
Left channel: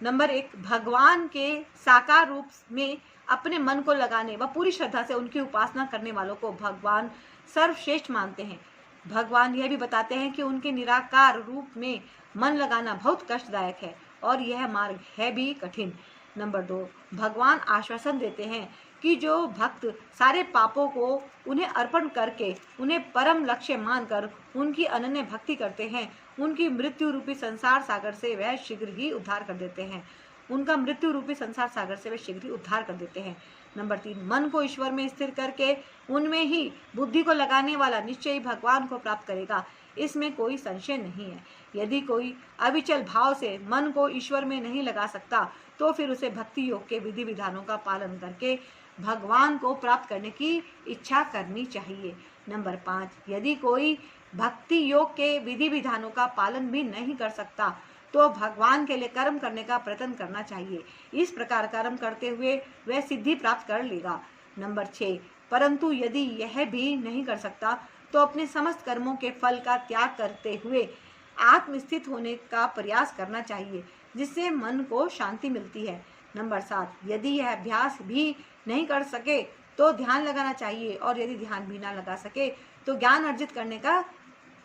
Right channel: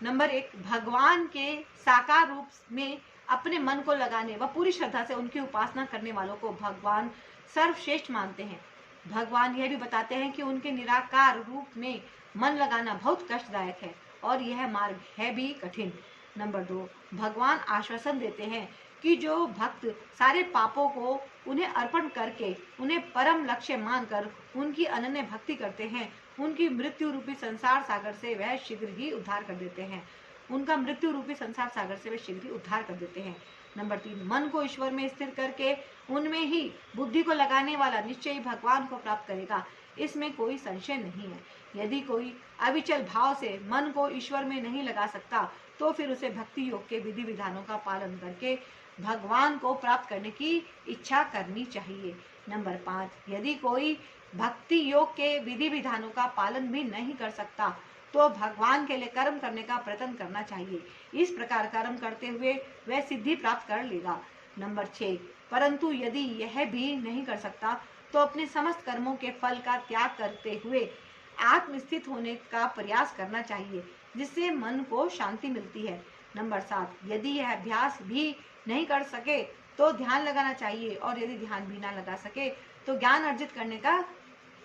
नंबर 1, भगवान के साकार रूप में अपने मन को लगाने व पूरी श्रद्धा से उनकी उपासना करने वालों को भगवान सर्वश्रेष्ठ मानते हैं। भगवान यह भी बताते हैं कि उनके निराकार रूप में मन लगाना बहुत कष्टदायक है और यह मार्ग है भी कठिन। नंबर 2, भगवान आश्वासन देते हैं कि जो भक्त सारे पापों को उन्हें अर्पण करके उन्हें परम लक्ष्य मानकर उनकी अनन्य भक्ति करते हैं, उनकी मृत्यु रूपी संसार सागर से वह शीघ्र ही उद्धार कर देते हैं। उनका मृत्यु रूपी संसार सागर से वे शीघ्र ही उद्धार कर देते हैं। नंबर 3, मन को ईश्वर में स्थिर करके उनमें ही बुद्धि को लगाने वाला निश्चय ही भगवान को प्राप्त करेगा, इसमें कोई संशय नहीं है। यदि कोई अविचल भाव से मन को ईश्वर में नहीं लगा सकता तो फिर उसे भक्ति योग के विधि विधानों का पालन करके भगवान को प्राप्त करने की इच्छा करनी चाहिए। नंबर 5, यदि कोई भक्ति योग के विधि विधानों का पालन भी नहीं कर सकता तो भगवान के लिए कर्म करने का प्रयत्न करना चाहिए। इस प्रकार कर्म करते हुए वह सिद्धि प्राप्त कर लेगा। नंबर 6, परंतु यदि यह भी नहीं कर सकता तो अपने समस्त कर्मों के फल का त्याग करते हुए आत्मस्थित होने का प्रयास करना चाहिए, जिससे मन को शांति मिलती है। नंबर 7, यदि यह अभ्यास भी नहीं कर सके तो ध्यान लगाना चाहिए, और यदि ध्यान भी ना लगा सके तो ज्ञान अर्जित करने का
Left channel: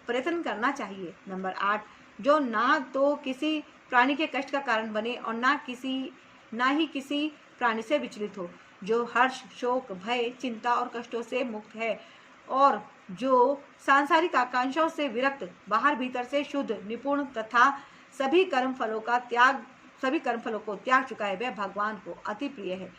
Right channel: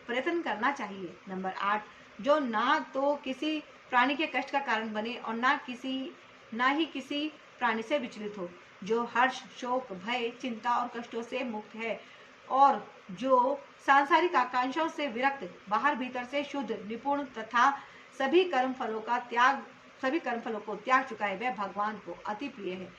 प्रयत्न करना चाहिए। नंबर 8, जो ना तो किसी प्राणी के कष्ट का कारण बने और ना ही किसी प्राणी से विचलित हो, जो हर्ष, शोक, भय, चिंता और कष्टों से मुक्त है, और जो सांसारिक आकांक्षाओं से विरक्त, बाहर भीतर से शुद्ध, निपुण तथा सभी कर्मफलों को त्याग चुका है, वह भगवान को अति प्रिय है।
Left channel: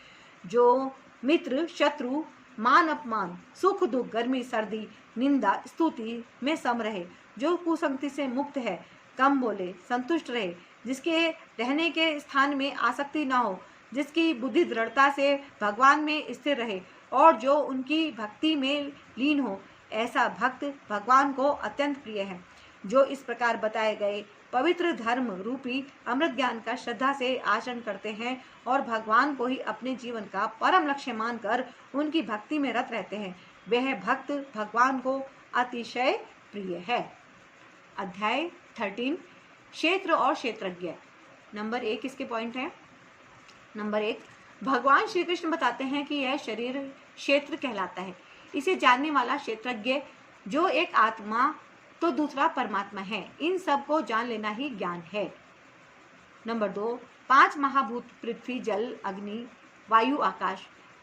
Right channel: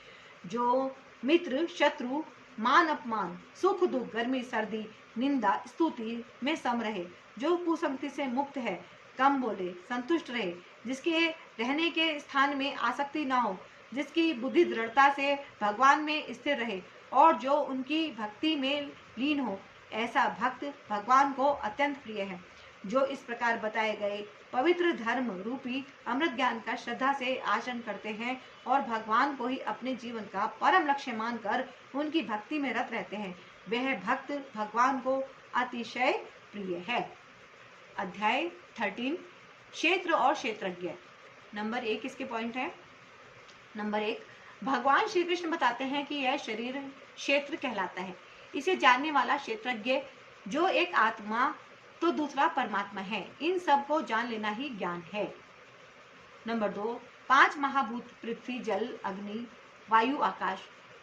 जो मित्र, शत्रु, मान अपमान, सुख दुख, गर्मी सर्दी, निंदा स्तुति में सम रहे, जो कुसंगति से मुक्त है, कम बोले, संतुष्ट रहे, जिसके रहने के स्थान में आसक्ति न हो, जिसकी बुद्धि दृढ़ता से भगवान में स्थिर रहे और जो उनकी भक्ति में लीन हो, ऐसा भक्त भगवान को अत्यंत प्रिय है। जो इस प्रकार बताए गए पवित्र धर्म रूपी अमृत ज्ञान का श्रद्धा से आचरण करते हैं और भगवान को ही अपने जीवन का परम लक्ष्य मानकर उनकी भक्ति में रत रहते हैं, वह भक्त भगवान को अतिशय प्रिय है। अध्याय 13, क्षेत्र और क्षेत्रज्ञ। नंबर 1 इसके पॉइंट है। नंबर 1, भगवान श्री कृष्ण बताते हैं कि यह शरीर क्षेत्र कहलाता है। इसे जानने वाला क्षेत्रज्ञ, जो एक आत्मा तो दूसरा परमात्मा है, इन सब को जान लेना ही ज्ञान है। नंबर 2, 5 महाभूत पृथ्वी, जल, अग्नि, वायु, आकाश,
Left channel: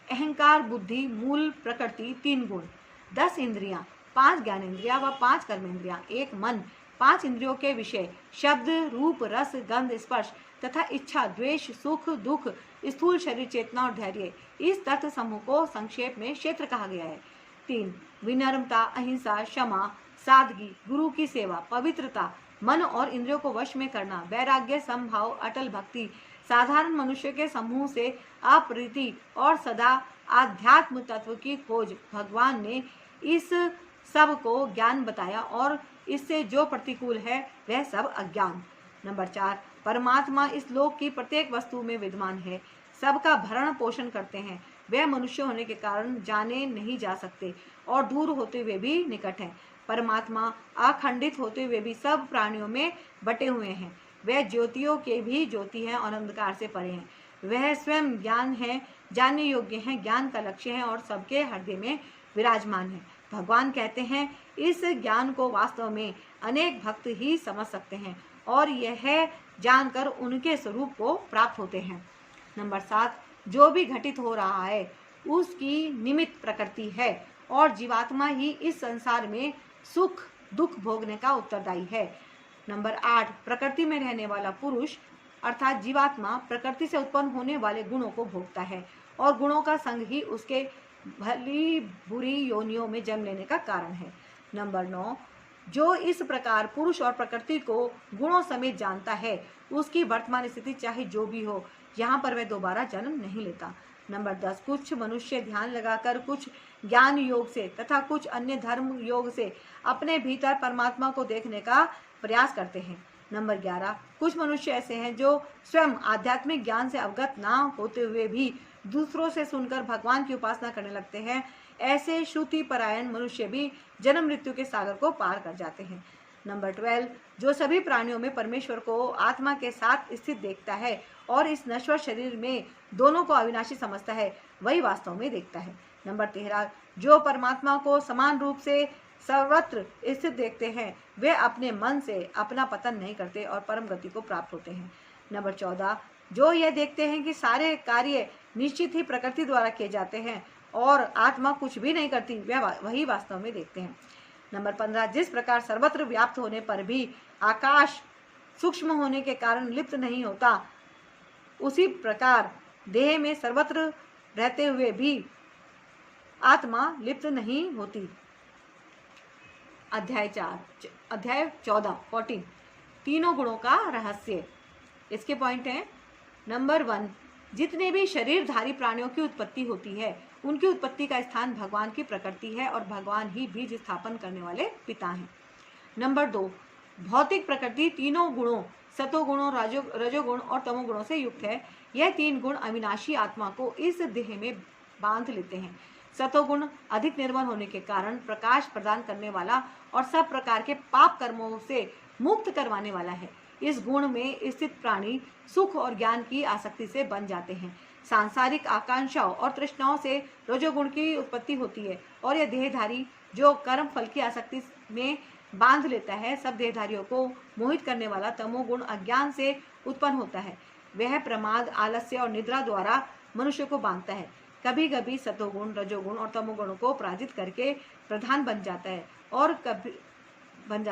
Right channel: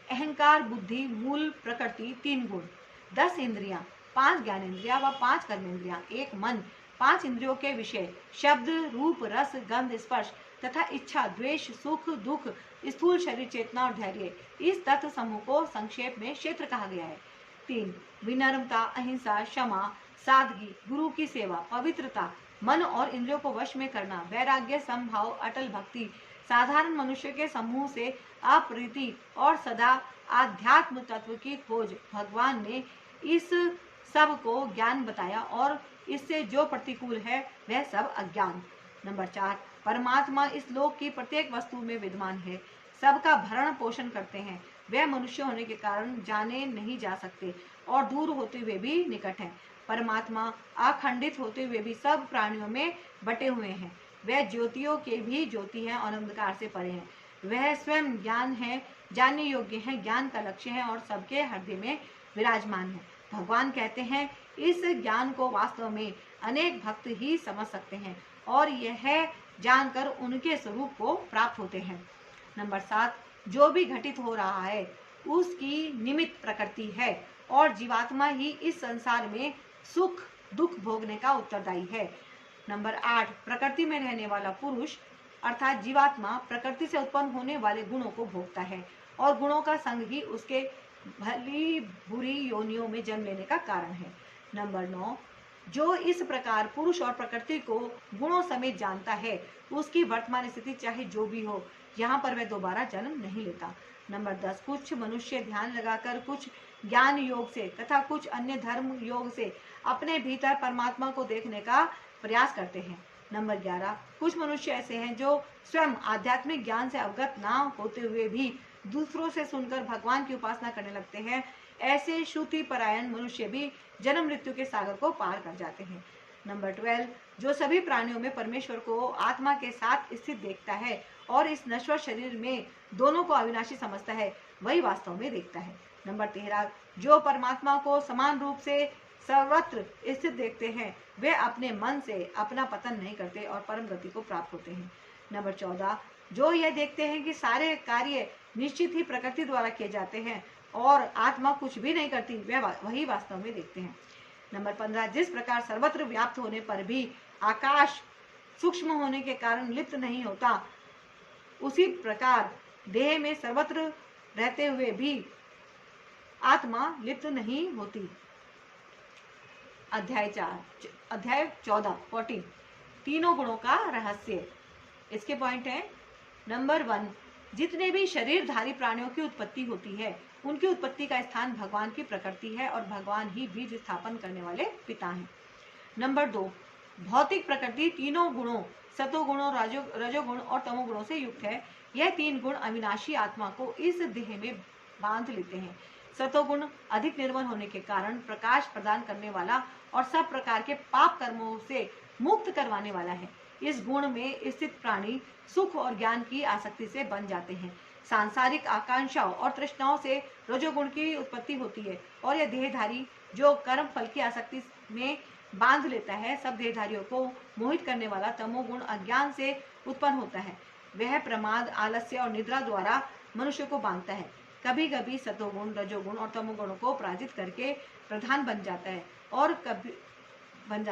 अहंकार, बुद्धि, मूल प्रकृति, 3 गुण, 10 इंद्रियां, 5 ज्ञानेंद्रियां व 5 कर्मेंद्रियां, 1 मन, 5 इंद्रियों के विषय, शब्द, रूप, रस, गंध, स्पर्श तथा इच्छा, द्वेष, सुख, दुख, स्थूल शरीर, चेतना और धैर्य, इस तत्व समूह को संक्षेप में क्षेत्र कहा गया है। 3, विनम्रता, अहिंसा, क्षमा, सादगी, गुरु की सेवा, पवित्रता, मन और इंद्रियों को वश में करना, वैराग्य, समभाव, अटल भक्ति, साधारण मनुष्य के समूह से अप्रीति और सदा आध्यात्म तत्व की खोज। भगवान ने इस सब को ज्ञान बताया और इससे जो प्रतिकूल है वह सब अज्ञान। नंबर 4, परमात्मा इस लोक की प्रत्येक वस्तु में विद्यमान है, सबका भरण पोषण करते हैं, वह मनुष्य होने के कारण जाने नहीं जा सकते और दूर होते हुए भी निकट है। परमात्मा अखंडित होते हुए भी सब प्राणियों में बटे हुए हैं, वह ज्योतियों के भी ज्योति है और अंधकार से परे हैं, वह स्वयं ज्ञान है, जानने योग्य है, ज्ञान का लक्ष्य है और सबके हृदय में विराजमान है। भगवान कहते हैं इस ज्ञान को वास्तव में अनेक भक्त ही समझ सकते हैं और यह जानकर उनके स्वरूप को प्राप्त होते हैं। नंबर 7, जो भी घटित हो रहा है उसकी निमित्त प्रकृति है और जीवात्मा ही इस संसार में सुख दुख भोगने का उत्तरदायी है। नंबर 8, प्रकृति में रहने वाला पुरुष अर्थात जीवात्मा प्रकृति से उत्पन्न होने वाले गुणों को भोगता है और गुणों का संग ही उसके भली बुरी योनियों में जन्म लेने का कारण है। नंबर 9, जो इस प्रकार पुरुष और प्रकृति को गुणों समेत जानता है उसकी वर्तमान स्थिति चाहे जो भी हो, यहाँ पर वह दोबारा जन्म नहीं लेता। नंबर 10, कुछ मनुष्य ध्यान लगाकर, कुछ ज्ञान योग से तथा कुछ अन्य धर्म योग से अपने भीतर परमात्मा को देखने का प्रयास करते हैं। नंबर 11, कुछ मनुष्य ऐसे हैं जो स्वयं आध्यात्मिक ज्ञान से अवगत ना होते हुए भी दूसरों से सुनकर भगवान की उपासना करने लगते हैं। ऐसे श्रुति परायण मनुष्य भी जन्म मृत्यु के सागर को पार कर जाते हैं। नंबर 12, जो सभी प्राणियों में परमेश्वर को आत्मा के साथ स्थित देखता है और इस नश्वर शरीर में दोनों को अविनाशी समझता है, वही वास्तव में देखता है। नंबर 13, जो परमात्मा को समान रूप से सर्वत्र स्थित देखते हैं वे अपने मन से अपना पतन नहीं करते और परम गति को प्राप्त होते हैं। नंबर 14, जो यह देखते हैं कि सारे कार्य निश्चित ही प्रकृति द्वारा किए जाते हैं और आत्मा कुछ भी नहीं करती, वही वास्तव में देखते हैं। नंबर 15, जिस प्रकार सर्वत्र व्याप्त होने पर भी आकाश सूक्ष्म होने के कारण लिप्त नहीं होता, उसी प्रकार देह में सर्वत्र रहते हुए भी आत्मा लिप्त नहीं होती। अध्याय 14 तीनों गुणों का रहस्य। इसके पॉइंट है। नंबर 1, जितने भी शरीरधारी प्राणियों की उत्पत्ति होती है उनकी उत्पत्ति का स्थान भगवान की प्रकृति है और भगवान ही बीज स्थापन करने वाले पिता हैं। नंबर 2, भौतिक प्रकृति तीनों गुणों सतोगुण और रजोगुण और तमोगुणों से युक्त है। यह तीन गुण अविनाशी आत्मा को इस देह में बांध लेते हैं। सतोगुण अधिक निर्मल होने के कारण प्रकाश प्रदान करने वाला और सब प्रकार के पाप कर्मों से मुक्त करवाने वाला है। इस गुण में स्थित प्राणी सुख और ज्ञान की आसक्ति से बन जाते हैं। सांसारिक आकांक्षाओं और तृष्णाओं से रजोगुण की उत्पत्ति होती है और यह देहधारी जो कर्म फल की आसक्ति में बांध लेता है, सब देहधारियों को मोहित करने वाला तमोगुण अज्ञान से उत्पन्न होता है। वह प्रमाद, आलस्य और निद्रा द्वारा मनुष्य को बांधता है। कभी कभी सतोगुण, रजोगुण और तमोगुण को पराजित करके प्रधान बन जाता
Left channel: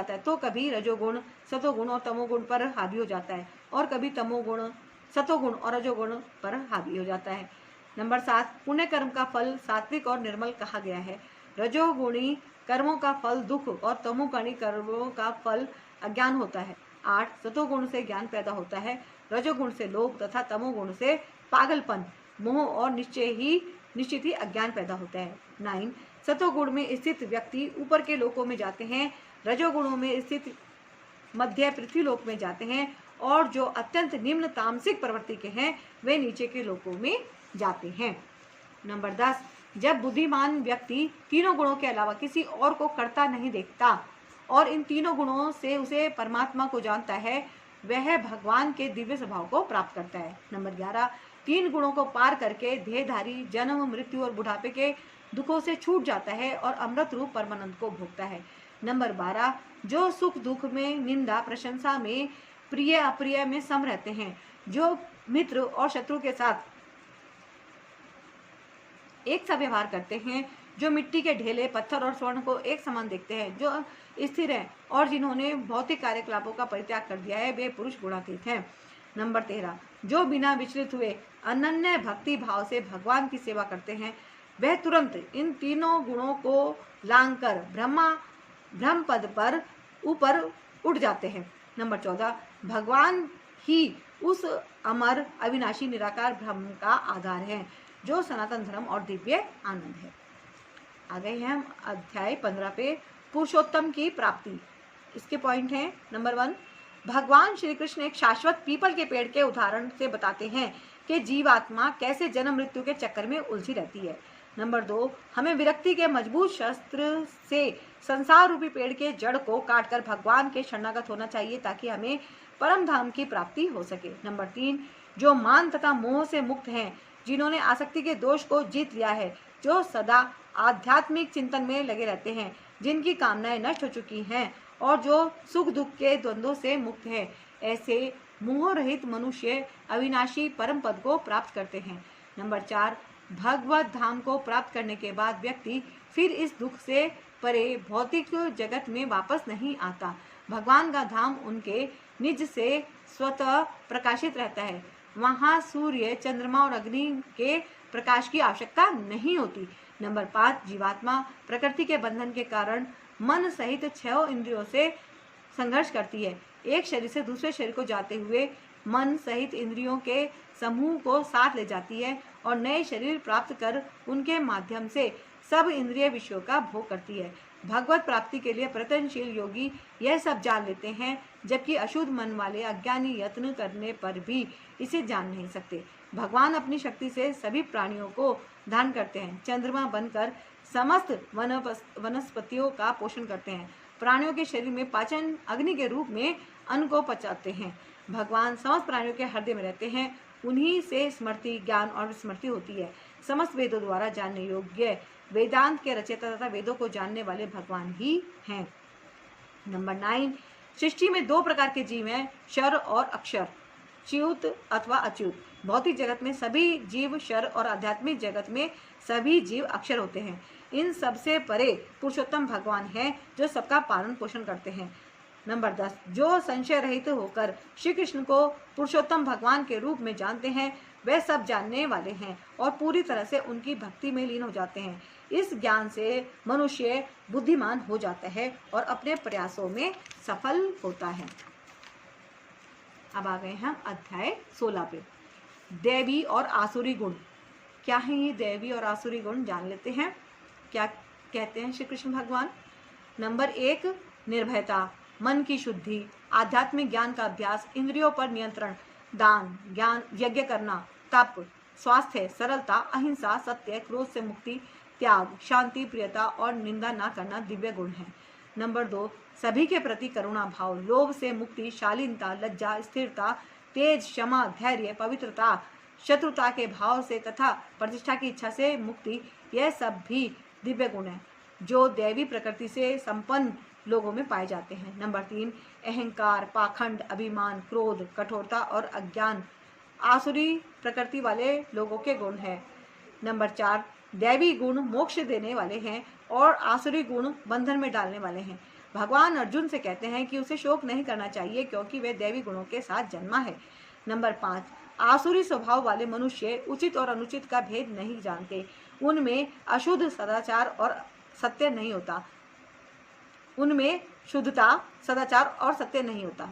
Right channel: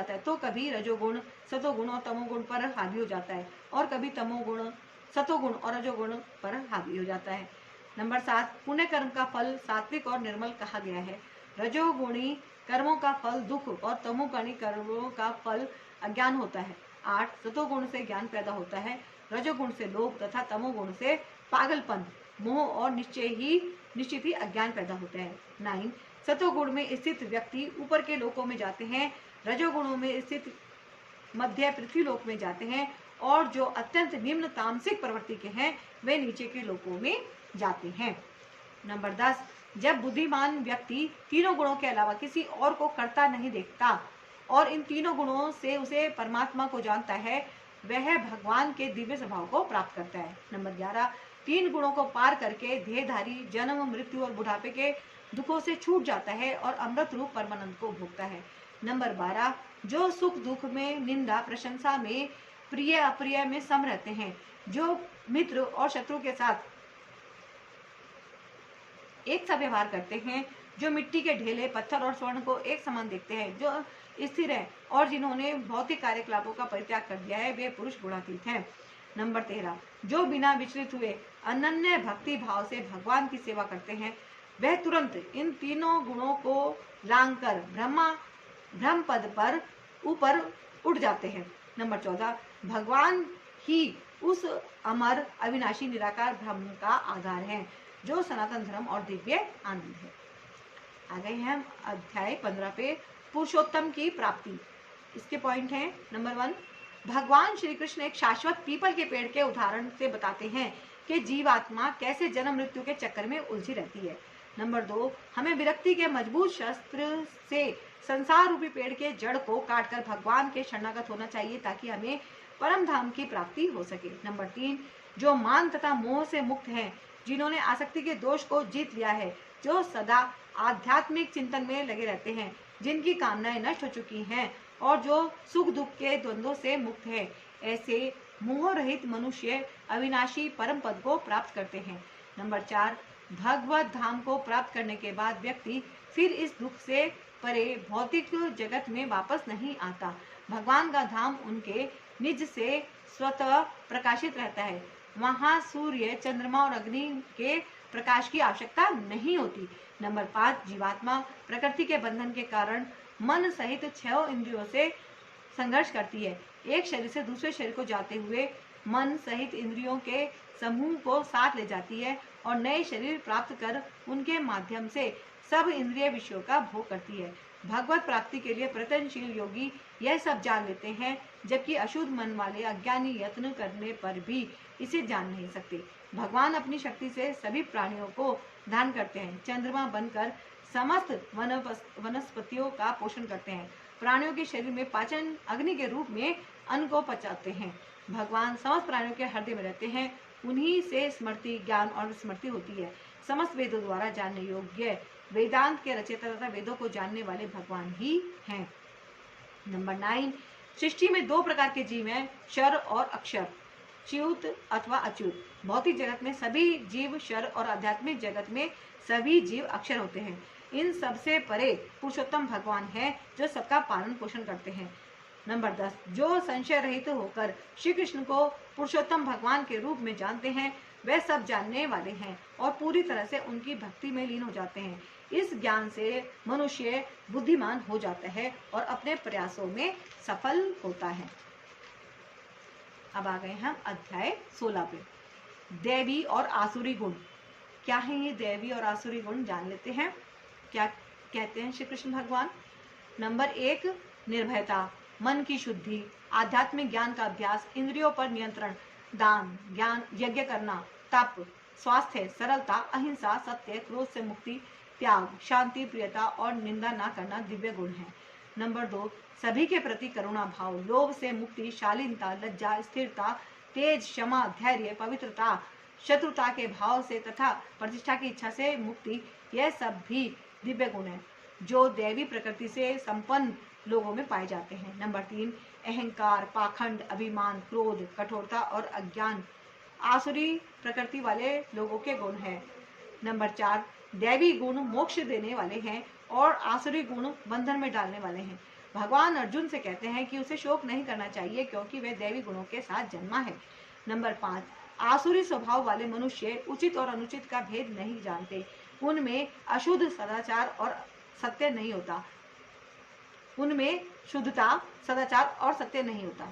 है तो कभी रजोगुण सतोगुण और तमोगुण पर हावी हो जाता है और कभी तमोगुण सतोगुण और रजोगुण पर हावी हो जाता है। नंबर 7, पुण्य कर्म का फल सात्विक और निर्मल कहा गया है। रजोगुणी कर्मों का फल दुख और तमोगुणी कर्मों का फल अज्ञान होता है। 8, सतोगुण से ज्ञान पैदा होता है, रजोगुण से लोभ तथा तमोगुण से पागलपन, मोह और निश्चित ही अज्ञान पैदा होता है। 9, सतोगुण में स्थित व्यक्ति ऊपर के लोकों में जाते हैं, रजोगुणों में स्थित मध्य पृथ्वी लोक में जाते हैं और जो अत्यंत निम्न तामसिक प्रवृत्ति के हैं वे नीचे के लोकों में जाते हैं। नंबर 10, जब बुद्धिमान व्यक्ति तीनों गुणों के अलावा किसी और को करता नहीं देखता और इन तीनों गुणों से उसे परमात्मा को जानता है, वह भगवान के दिव्य स्वभाव को प्राप्त करता है। नंबर 11, तीन गुणों को पार करके देहधारी जन्म, मृत्यु और बुढ़ापे के दुखों से छूट जाता है और अमृत रूप परमानंद को भोगता है। नंबर 12, जो सुख दुख में, निंदा प्रशंसा में, प्रिय अप्रिय में सम रहते हैं, जो मित्र और शत्रु के साथ एक सा व्यवहार करते हैं, जो मिट्टी के ढेले, पत्थर और स्वर्ण को एक समान देखते हैं, जो स्थिर है और जिन्होंने भौतिक कार्यकलापों का परित्याग कर दिया है, वे पुरुष गुणातीत हैं। नंबर 13, जो बिना विचलित हुए अनन्य भक्ति भाव से भगवान की सेवा करते हैं, वह तुरंत इन तीनों गुणों को लांघकर ब्रह्म पद पर ऊपर उठ जाते हैं। नंबर 14, भगवान ही उस अमर अविनाशी निराकार ब्रह्म का आधार है, जो सनातन धर्म और दिव्य आनंद है। आ गए हैं हम अध्याय 15 पे, पुरुषोत्तम की प्राप्ति। इसके पॉइंट हैं। नंबर 1, भगवान श्री कृष्ण एक शाश्वत पीपल के पेड़ के उदाहरण से बताते हैं कि जीवात्मा कैसे जन्म मृत्यु के चक्कर में उलझी रहती है। नंबर 2, हमें विरक्ति के मजबूत शस्त्र से संसार रूपी पेड़ के जड़ को काटकर भगवान के शरणागत होना चाहिए ताकि हमें परम धाम की प्राप्ति हो सके। नंबर 3, जो मान तथा मोह से मुक्त हैं, जिन्होंने आसक्ति के दोष को जीत लिया है, जो सदा आध्यात्मिक चिंतन में लगे रहते हैं, जिनकी कामनाएं नष्ट हो चुकी हैं और जो सुख दुख के द्वंद्वों से मुक्त है, ऐसे मोह रहित मनुष्य अविनाशी परम पद को प्राप्त करते हैं। नंबर 4, भगवत धाम को प्राप्त करने के बाद व्यक्ति फिर इस दुख से परे भौतिक जगत में वापस नहीं आता। भगवान का धाम उनके निज से स्वतः प्रकाशित रहता है। वहाँ सूर्य, चंद्रमा और अग्नि के प्रकाश की आवश्यकता नहीं होती। नंबर 5, जीवात्मा प्रकृति के बंधन के कारण मन सहित 6 इंद्रियों से संघर्ष करती है। एक शरीर से दूसरे शरीर को जाते हुए मन सहित इंद्रियों के समूह को साथ ले जाती है और नए शरीर प्राप्त कर उनके माध्यम से सब इंद्रिय विषयों का भोग करती है। भगवत प्राप्ति के लिए प्रयत्नशील योगी यह सब जान लेते हैं, जबकि अशुद्ध मन वाले अज्ञानी यत्न करने पर भी इसे जान नहीं सकते। भगवान अपनी शक्ति से सभी प्राणियों को धारण करते हैं, चंद्रमा बनकर समस्त वनस्पतियों का पोषण करते हैं, प्राणियों के शरीर में पाचन अग्नि के रूप में अन्न को पचाते हैं। भगवान समस्त प्राणियों के हृदय में रहते हैं, उन्हीं से स्मृति, ज्ञान और विस्मृति होती है। समस्त वेदों द्वारा जानने योग्य वेदांत के रचयिता तथा वेदों को जानने वाले भगवान ही हैं। नंबर 9, सृष्टि में 2 प्रकार के जीव हैं, क्षर और अक्षर, च्युत अथवा अच्युत। भौतिक जगत में सभी जीव क्षर और आध्यात्मिक जगत में सभी जीव अक्षर होते हैं। इन सबसे परे पुरुषोत्तम भगवान है, जो सबका पालन पोषण करते हैं। नंबर 10, जो संशय रहित होकर श्री कृष्ण को पुरुषोत्तम भगवान के रूप में जानते हैं, वे सब जानने वाले हैं और पूरी तरह से उनकी भक्ति में लीन हो जाते हैं। इस ज्ञान से मनुष्य बुद्धिमान हो जाता है और अपने प्रयासों में सफल होता है। अब आ गए हम अध्याय 16 पे, दैवी और आसुरी गुण। क्या है ये दैवी और आसुरी गुण, जान लेते हैं। क्या कहते हैं श्री कृष्ण भगवान। नंबर 1, निर्भयता। मन की शुद्धि, आध्यात्मिक ज्ञान का अभ्यास, इंद्रियों पर नियंत्रण, दान, ज्ञान, यज्ञ करना, तप, स्वास्थ्य, सरलता, अहिंसा, सत्य, क्रोध से मुक्ति, त्याग, शांति, प्रियता और निंदा न करना दिव्य गुण है। नंबर 2, सभी के प्रति करुणा भाव, लोभ से मुक्ति, शालीनता, लज्जा, स्थिरता, तेज, क्षमा, धैर्य, पवित्रता, शत्रुता के भाव से तथा प्रतिष्ठा की इच्छा से मुक्ति, यह सब भी दिव्य गुण है जो दैवी प्रकृति से संपन्न लोगों में पाए जाते हैं। नंबर 3, अहंकार, पाखंड, अभिमान, क्रोध, कठोरता और अज्ञान आसुरी प्रकृति वाले लोगों के गुण हैं। नंबर 4, दैवी गुण मोक्ष देने वाले हैं और आसुरी गुण बंधन में डालने वाले हैं। भगवान अर्जुन से कहते हैं कि उसे शोक नहीं करना चाहिए क्योंकि वह दैवी गुणों के साथ जन्मा है। नंबर 5, आसुरी स्वभाव वाले मनुष्य उचित और अनुचित का भेद नहीं जानते, उनमें अशुद्ध सदाचार और सत्य नहीं होता, उनमें शुद्धता, सदाचार और सत्य नहीं होता।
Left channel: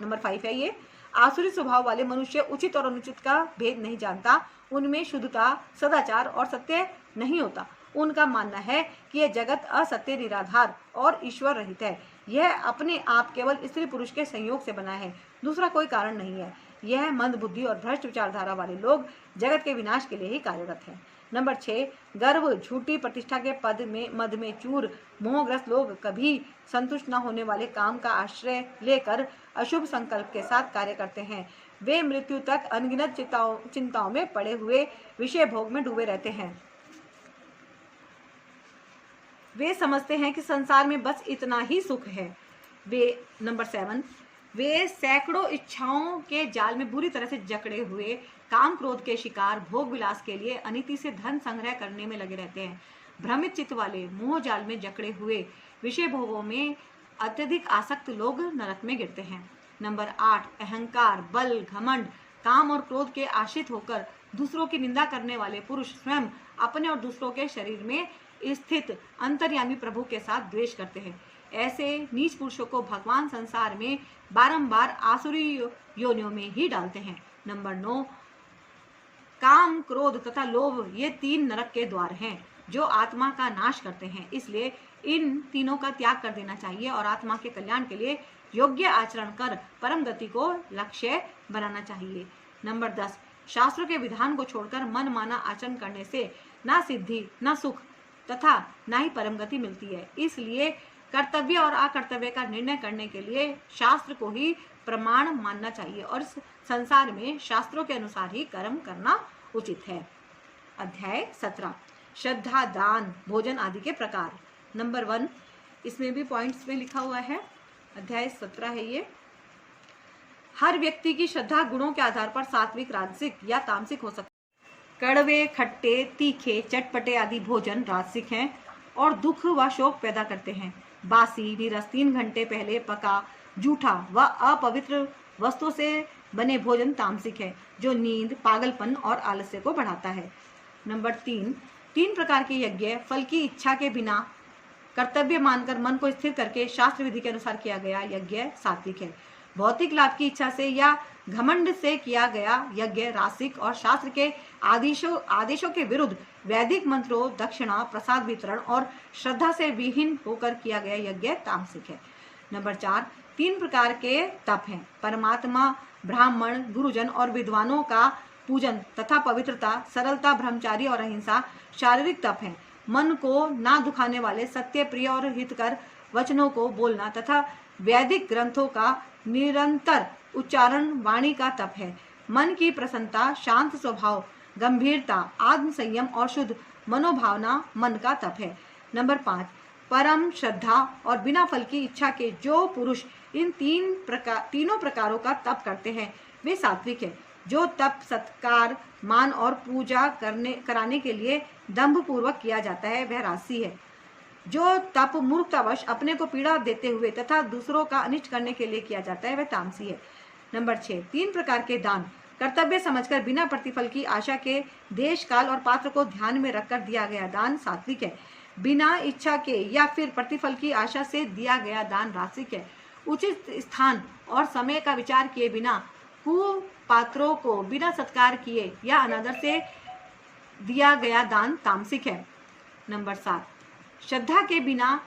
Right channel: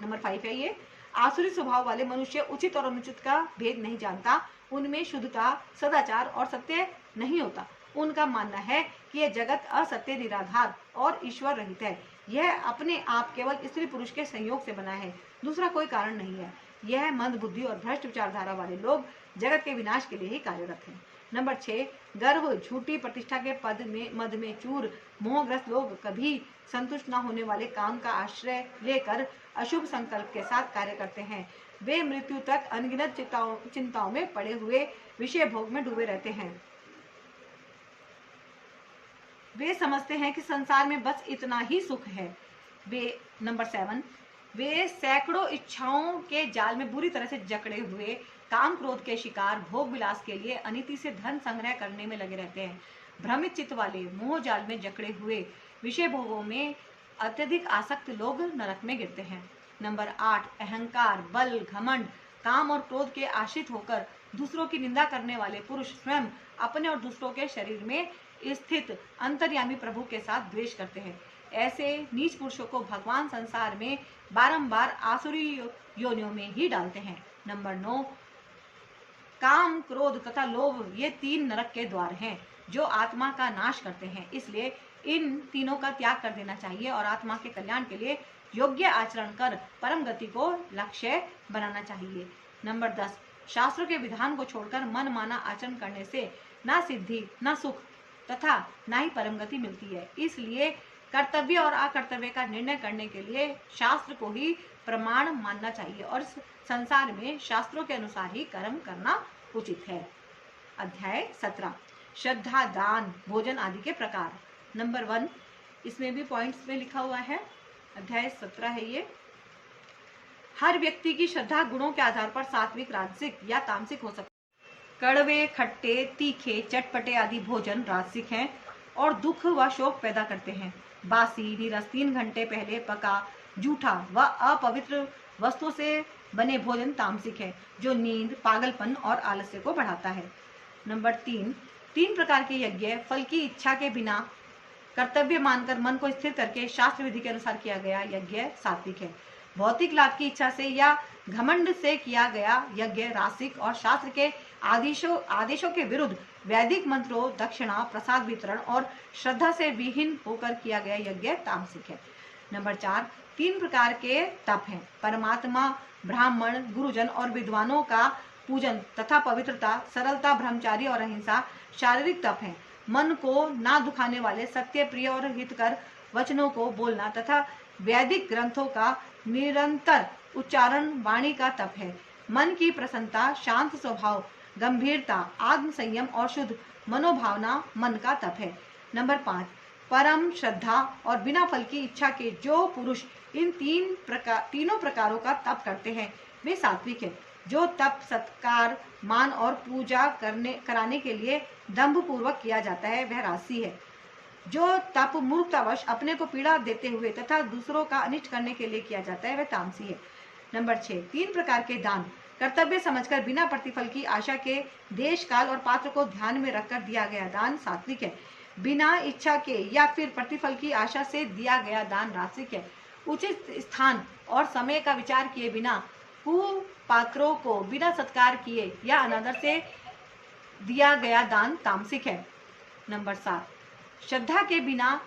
नंबर 5 है ये, आसुरी स्वभाव वाले मनुष्य उचित और अनुचित का भेद नहीं जानता, उनमें शुद्धता, सदाचार और सत्य नहीं होता। उनका मानना है कि यह जगत असत्य, निराधार और ईश्वर रहित है। यह अपने आप केवल स्त्री पुरुष के संयोग से बना है, दूसरा कोई कारण नहीं है। यह मंद बुद्धि और भ्रष्ट विचारधारा वाले लोग जगत के विनाश के लिए ही कार्यरत हैं। नंबर 6, गर्व, झूठी प्रतिष्ठा के मद में चूर, मोहग्रस्त लोग कभी संतुष्ट न होने वाले काम का आश्रय लेकर अशुभ संकल्प के साथ कार्य करते हैं। वे मृत्यु तक अनगिनत चिंताओं में पड़े हुए विषय भोग में डूबे रहते हैं। वे समझते हैं कि संसार में बस इतना ही सुख है। नंबर 7, वे सैकड़ों इच्छाओं के जाल में बुरी तरह से जकड़े हुए काम क्रोध के शिकार, भोग विलास के लिए अनीति से धन संग्रह करने में लगे रहते हैं। भ्रमित चित्त वाले मोह जाल में जकड़े हुए विषय भोगों में अत्यधिक आसक्त लोग नरक में गिरते हैं। नंबर 8, अहंकार, बल, घमंड, काम और क्रोध के आश्रित होकर दूसरों की निंदा करने वाले पुरुष स्वयं अपने और दूसरों के शरीर में स्थित अंतर्यामी प्रभु के साथ द्वेष करते हैं। ऐसे नीच पुरुषों को भगवान संसार में बारंबार आसुरी योनियों में ही डालते हैं। नंबर 9, काम, क्रोध तथा लोभ ये 3 नरक के द्वार हैं जो आत्मा का नाश करते हैं, इसलिए इन तीनों का त्याग कर देना चाहिए और आत्मा के कल्याण के लिए योग्य आचरण कर परम गति को लक्ष्य बनाना चाहिए। नंबर 10, शास्त्रों के विधान को छोड़कर मन माना आचरण करने से ना सिद्धि, ना सुख तथा ना ही परम गति मिलती है। इसलिए कर्तव्य और अकर्तव्य का निर्णय करने के लिए शास्त्र को ही प्रमाण मानना चाहिए और संसार में शास्त्रों के अनुसार ही कर्म करना उचित है। अध्याय 17, श्रद्धा, दान, भोजन आदि के प्रकार। नंबर 1, इसमें भी पॉइंट्स में लिखा हुआ है। अध्याय 17 है ये। हर व्यक्ति की श्रद्धा गुणों के आधार पर सात्विक, राजसिक या तामसिक हो सकती है। कड़वे, खट्टे, तीखे, चटपटे आदि भोजन राजसिक हैं और दुख व शोक पैदा करते हैं। बासी, नीरस, 3 घंटे पहले पका, जूठा व अपवित्र वस्तुओं से बने भोजन तामसिक है जो नींद, पागलपन और आलस्य को बढ़ाता है। नंबर 3 प्रकार के यज्ञ फल की इच्छा के बिना कर्तव्य मानकर मन को स्थिर करके शास्त्र विधि के अनुसार किया गया यज्ञ सात्विक है। भौतिक लाभ की इच्छा से या घमंड से किया गया यज्ञ रासिक और शास्त्र के आदेशों के विरुद्ध वैदिक मंत्रों, दक्षिणा, प्रसाद वितरण और श्रद्धा से विहीन होकर किया गया यज्ञ तामसिक है। नंबर 4, 3 प्रकार के तप हैं। परमात्मा, ब्राह्मण, गुरुजन और विद्वानों का पूजन तथा पवित्रता, सरलता, ब्रह्मचारी और अहिंसा शारीरिक तप हैं। मन को ना दुखाने वाले सत्य, प्रिय और हितकर वचनों को बोलना तथा वैदिक ग्रंथों का निरंतर उच्चारण वाणी का तप है। मन की प्रसन्नता, शांत स्वभाव, गंभीरता, आत्म संयम और शुद्ध मनोभावना मन का तप है। नंबर 5, परम श्रद्धा और बिना फल की इच्छा के जो पुरुष इन तीनों प्रकारों का तप करते हैं वे सात्विक है। जो तप सत्कार, मान और पूजा कराने के लिए दंभ पूर्वक किया जाता है वह राजसी है। जो तप मूर्खतावश अपने को पीड़ा देते हुए तथा दूसरों का अनिष्ट करने के लिए किया जाता है वह तामसी है। नंबर 6, 3 प्रकार के दान कर्तव्य समझकर बिना प्रतिफल की आशा के देश, काल और पात्र को ध्यान में रखकर दिया गया दान सात्विक है। बिना इच्छा के या फिर प्रतिफल की आशा से दिया गया दान रासिक है। उचित स्थान और समय का विचार किए बिना कुपात्रों को बिना सत्कार किए या अनादर से दिया गया दान तामसिक है। नंबर 7, श्रद्धा के बिना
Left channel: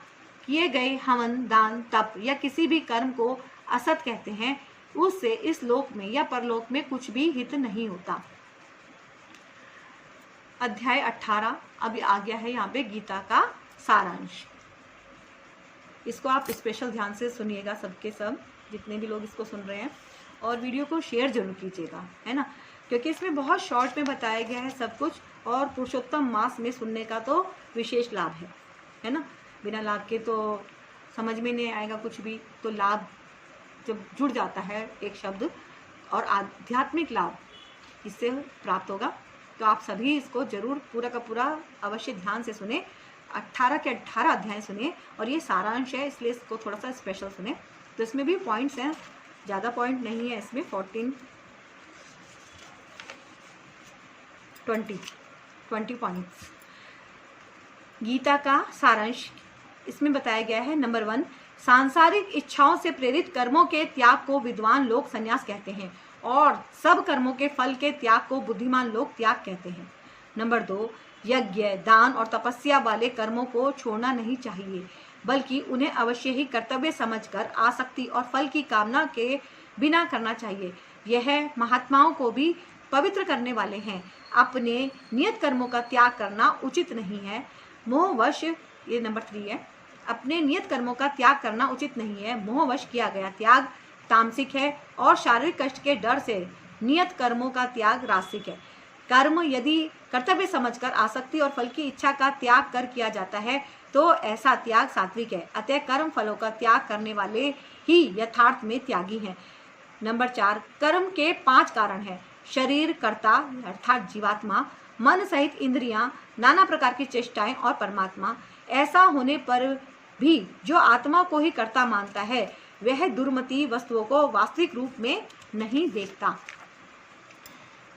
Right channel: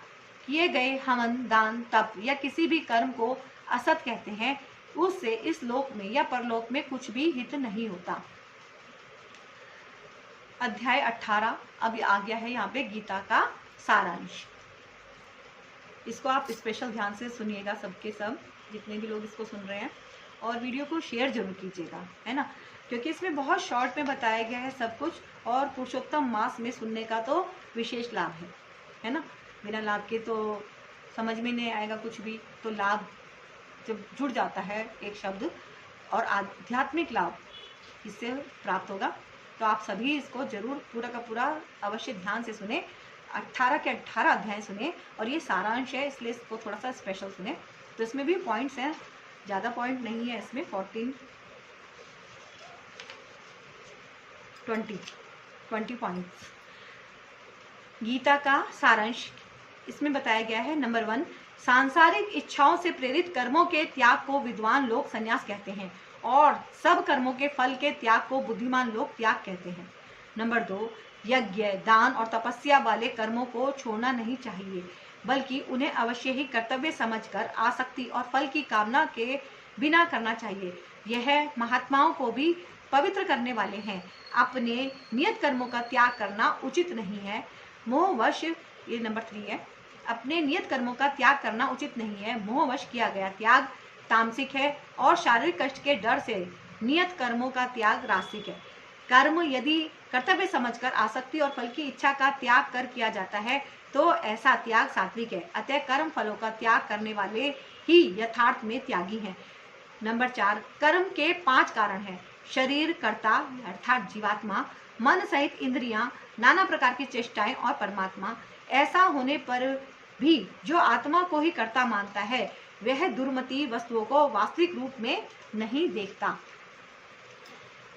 किए गए हवन, दान, तप या किसी भी कर्म को असत कहते हैं, उससे इस लोक में या परलोक में कुछ भी हित नहीं होता। अध्याय 18 अभी आ गया है यहाँ पे गीता का सारांश। इसको आप स्पेशल ध्यान से सुनिएगा, सबके सब जितने भी लोग इसको सुन रहे हैं, और वीडियो को शेयर जरूर कीजिएगा, है ना, क्योंकि इसमें बहुत शॉर्ट में बताया गया है सब कुछ, और पुरुषोत्तम मास में सुनने का तो विशेष लाभ है ना। बिना लाभ के तो समझ में नहीं आएगा कुछ भी, तो लाभ जब जुड़ जाता है एक शब्द, और आध्यात्मिक लाभ इससे प्राप्त होगा। तो आप सभी इसको जरूर पूरा का पूरा अवश्य ध्यान से सुने, 18 के 18 अध्याय सुने, और ये सारांश है इसलिए इसको थोड़ा सा स्पेशल सुने। तो इसमें भी पॉइंट्स हैं, ज़्यादा पॉइंट नहीं है इसमें, 20 पॉइंट्स। गीता का सारांश इसमें बताया गया है। नंबर 1, सांसारिक इच्छाओं से प्रेरित कर्मों के त्याग को विद्वान लोग संन्यास कहते हैं, और सब कर्मों के फल के त्याग को बुद्धिमान लोग त्याग कहते हैं। नंबर 2, यज्ञ, दान और तपस्या वाले कर्मों को छोड़ना नहीं चाहिए, बल्कि उन्हें अवश्य ही कर्तव्य समझकर आसक्ति और फल की कामना के बिना करना चाहिए। यह महात्माओं को भी पवित्र करने वाले हैं। अपने नियत कर्मों का त्याग करना उचित नहीं है, मोहवश, ये नंबर 3 है, अपने नियत कर्मों का त्याग करना उचित नहीं है, मोहवश किया गया त्याग तामसिक है, और शारीरिक कष्ट के डर से नियत कर्मों का त्याग रासिक है। कर्म यदि कर्तव्य समझकर आसक्ति और फल की इच्छा का त्याग कर किया जाता है तो ऐसा त्याग सात्विक है। अतः कर्म फलों का त्याग करने वाले ही यथार्थ में त्यागी हैं। नंबर 4, कर्म के 5 कारण हैं। शरीर, कर्ता अर्थात जीवात्मा, मन सहित इंद्रियां, नाना प्रकार की चेष्टाएं और परमात्मा। ऐसा होने पर भी जो आत्मा को ही कर्ता मानता है वह दुर्मति वस्तुओं को वास्तविक रूप में नहीं देखता।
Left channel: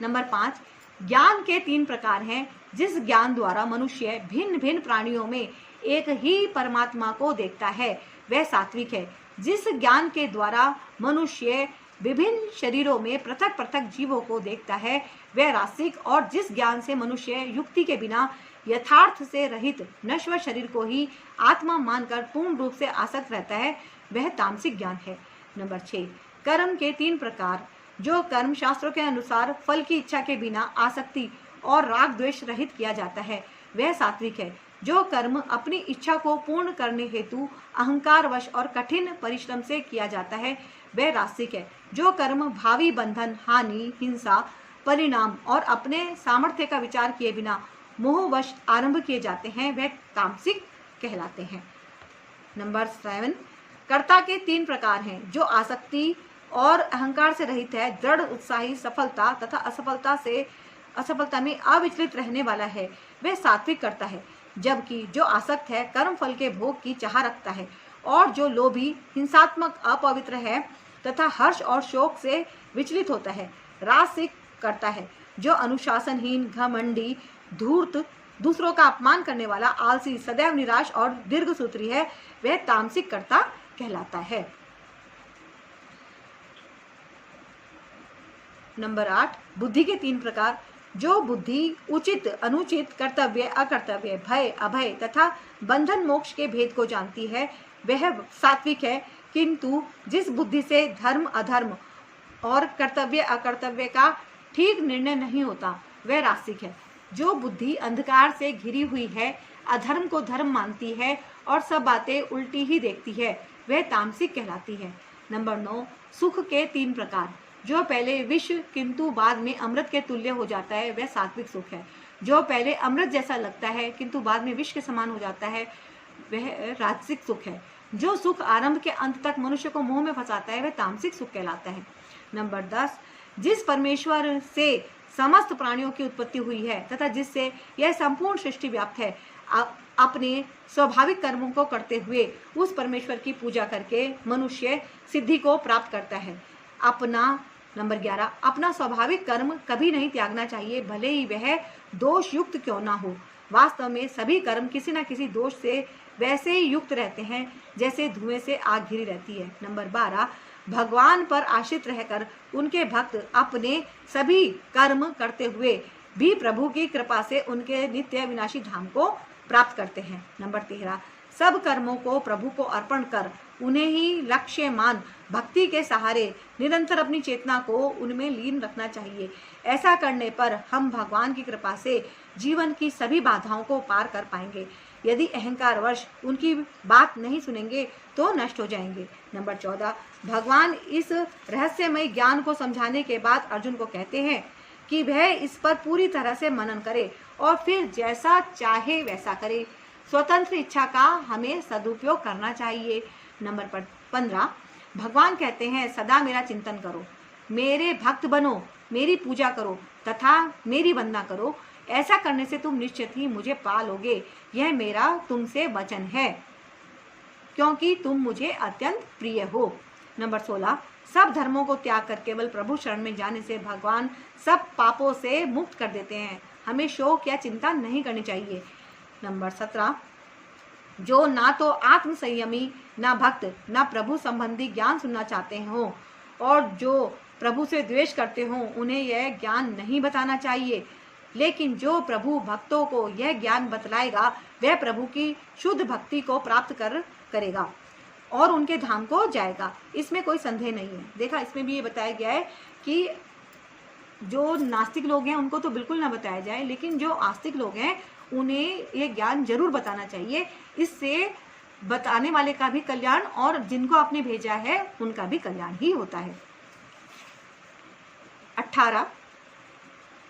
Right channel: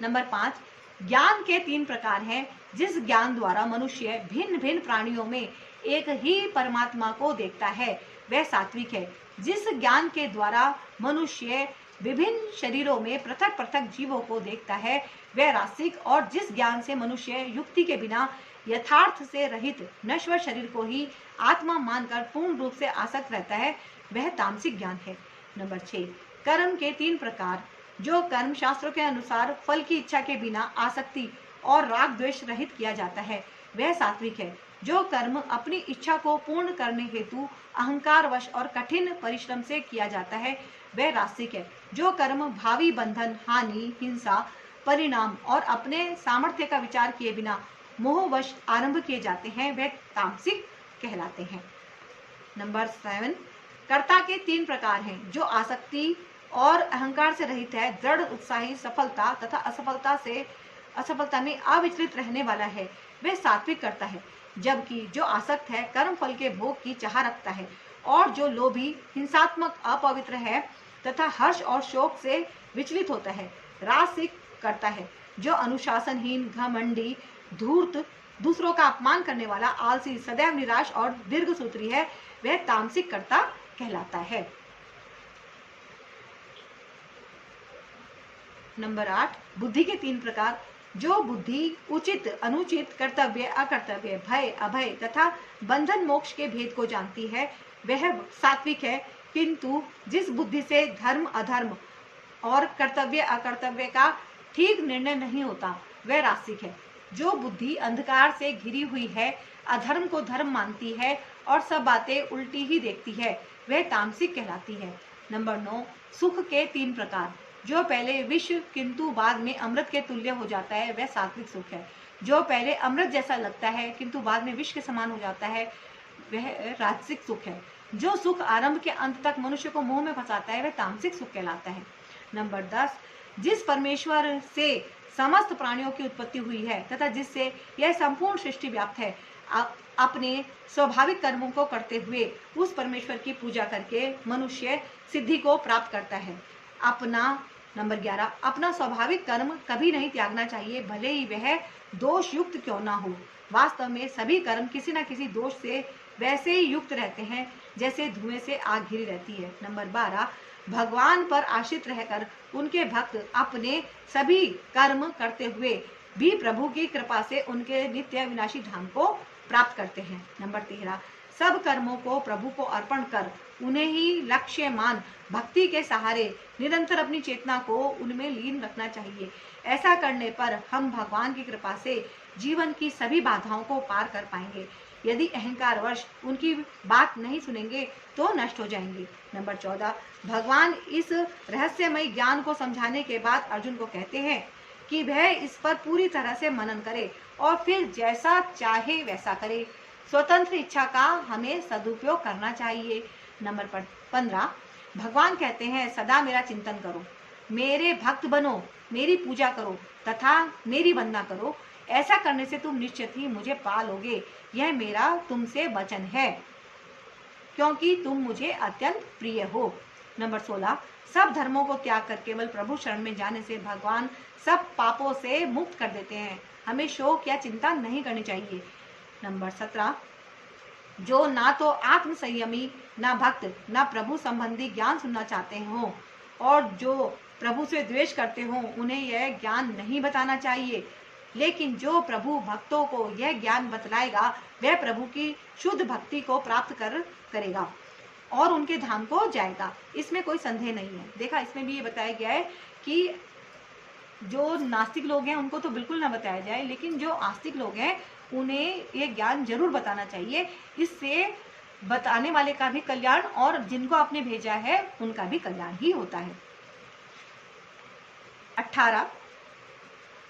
नंबर 5, ज्ञान के 3 प्रकार हैं। जिस ज्ञान द्वारा मनुष्य भिन्न भिन्न प्राणियों में एक ही परमात्मा को देखता है वह सात्विक है। जिस ज्ञान के द्वारा मनुष्य विभिन्न शरीरों में पृथक पृथक जीवों को देखता है वह रासिक, और जिस ज्ञान से मनुष्य युक्ति के बिना यथार्थ से रहित नश्वर शरीर को ही आत्मा मानकर पूर्ण रूप से आसक्त रहता है वह तामसिक ज्ञान है। नंबर 6, कर्म के 3 प्रकार। जो कर्म शास्त्रों के अनुसार फल की इच्छा के बिना आसक्ति और राग द्वेष रहित किया जाता है वह सात्विक है। जो कर्म अपनी इच्छा को पूर्ण करने हेतु अहंकारवश और कठिन परिश्रम से किया जाता है वह रासिक है। जो कर्म भावी बंधन, हानि, हिंसा, परिणाम और अपने सामर्थ्य का विचार किए बिना मोहवश आरंभ किए जाते हैं वह तामसिक कहलाते हैं। नंबर 7, कर्ता के 3 प्रकार हैं। जो आसक्ति और अहंकार से रहित है, दृढ़ उत्साही, सफलता तथा असफलता में अविचलित रहने वाला है वह सात्विक कर्ता है। जबकि जो आसक्त है, कर्म फल के भोग की चाह रखता है, और जो लोभी, हिंसात्मक, अपवित्र है तथा हर्ष और शोक से विचलित होता है रासिक करता है। जो अनुशासनहीन, घमंडी, धूर्त, दूसरों का अपमान करने वाला, आलसी, सदैव निराश और दीर्घसूत्री है वह तामसिक कर्ता कहलाता है। नंबर 8, बुद्धि के 3 प्रकार। जो बुद्धि उचित, अनुचित, कर्तव्य, अकर्तव्य, भय, अभय तथा बंधन मोक्ष के भेद को जानती है वह सात्विक है। किंतु जिस बुद्धि से धर्म अधर्म और कर्तव्य अकर्तव्य का ठीक निर्णय नहीं होता वह रासिक है। जो बुद्धि अंधकार से घिरी हुई है, अधर्म को धर्म मानती है और सब बातें उल्टी ही देखती है वह तामसिक कहलाती है। नंबर 9, सुख के 3 प्रकार। जो पहले विष किंतु बाद में अमृत के तुल्य हो जाता है वह सात्विक सुख है। जो पहले अमृत जैसा लगता है किंतु बाद में विष के समान हो जाता है वह राजसिक सुख है। जो सुख आरंभ के अंत तक मनुष्य को मोह में फंसाता है वह तामसिक सुख कहलाता है। नंबर 10, जिस परमेश्वर से समस्त प्राणियों की उत्पत्ति हुई है तथा जिससे यह संपूर्ण सृष्टि व्याप्त है, अपने स्वाभाविक कर्मों को करते हुए उस परमेश्वर की पूजा करके मनुष्य सिद्धि को प्राप्त करता है। नंबर 11, अपना स्वाभाविक कर्म कभी नहीं त्यागना चाहिए, भले ही वह दोष युक्त क्यों ना हो। वास्तव में सभी कर्म किसी न किसी दोष से वैसे ही युक्त रहते हैं जैसे धुएं से आग घिरी रहती है। नंबर 12, भगवान पर आश्रित रहकर उनके भक्त अपने सभी कर्म करते हुए भी प्रभु की कृपा से उनके नित्य विनाशी धाम को प्राप्त करते हैं। नंबर 13, सब कर्मों को प्रभु को अर्पण कर उन्हें ही लक्ष्य मान भक्ति के सहारे निरंतर अपनी चेतना को उनमें लीन रखना चाहिए। ऐसा करने पर हम भगवान की कृपा से जीवन की सभी बाधाओं को पार कर पाएंगे। यदि अहंकार वश उनकी बात नहीं सुनेंगे तो नष्ट हो जाएंगे। नंबर 14, भगवान इस रहस्यमय ज्ञान को समझाने के बाद अर्जुन को कहते हैं कि वह इस पर पूरी तरह से मनन करे और फिर जैसा चाहे वैसा करे। स्वतंत्र इच्छा का हमें सदुपयोग करना चाहिए। नंबर 15, भगवान कहते हैं सदा मेरा चिंतन करो, मेरे भक्त बनो, मेरी पूजा करो तथा मेरी वंदना करो। ऐसा करने से तुम निश्चित ही मुझे पा लोगे। यह मेरा तुमसे वचन है क्योंकि तुम मुझे अत्यंत प्रिय हो। नंबर 16, सब धर्मों को त्याग कर केवल प्रभु शरण में जाने से भगवान सब पापों से मुक्त कर देते हैं। हमें शोक या चिंता नहीं करनी चाहिए। नंबर 17, जो ना तो आत्म संयमी, ना भक्त, ना प्रभु संबंधी ज्ञान सुनना चाहते हो और जो प्रभु से द्वेष करते हो उन्हें यह ज्ञान नहीं बताना चाहिए। लेकिन जो प्रभु भक्तों को यह ज्ञान बतलाएगा वह प्रभु की शुद्ध भक्ति को प्राप्त करेगा और उनके धाम को जाएगा। इसमें कोई संदेह नहीं है। देखा, इसमें भी ये बताया गया है कि जो नास्तिक लोग हैं उनको तो बिल्कुल ना बताया जाए, लेकिन जो आस्तिक लोग हैं उन्हें ये ज्ञान जरूर बताना चाहिए। इससे बताने वाले का भी कल्याण और जिनको आपने भेजा है उनका भी कल्याण ही होता है। 18,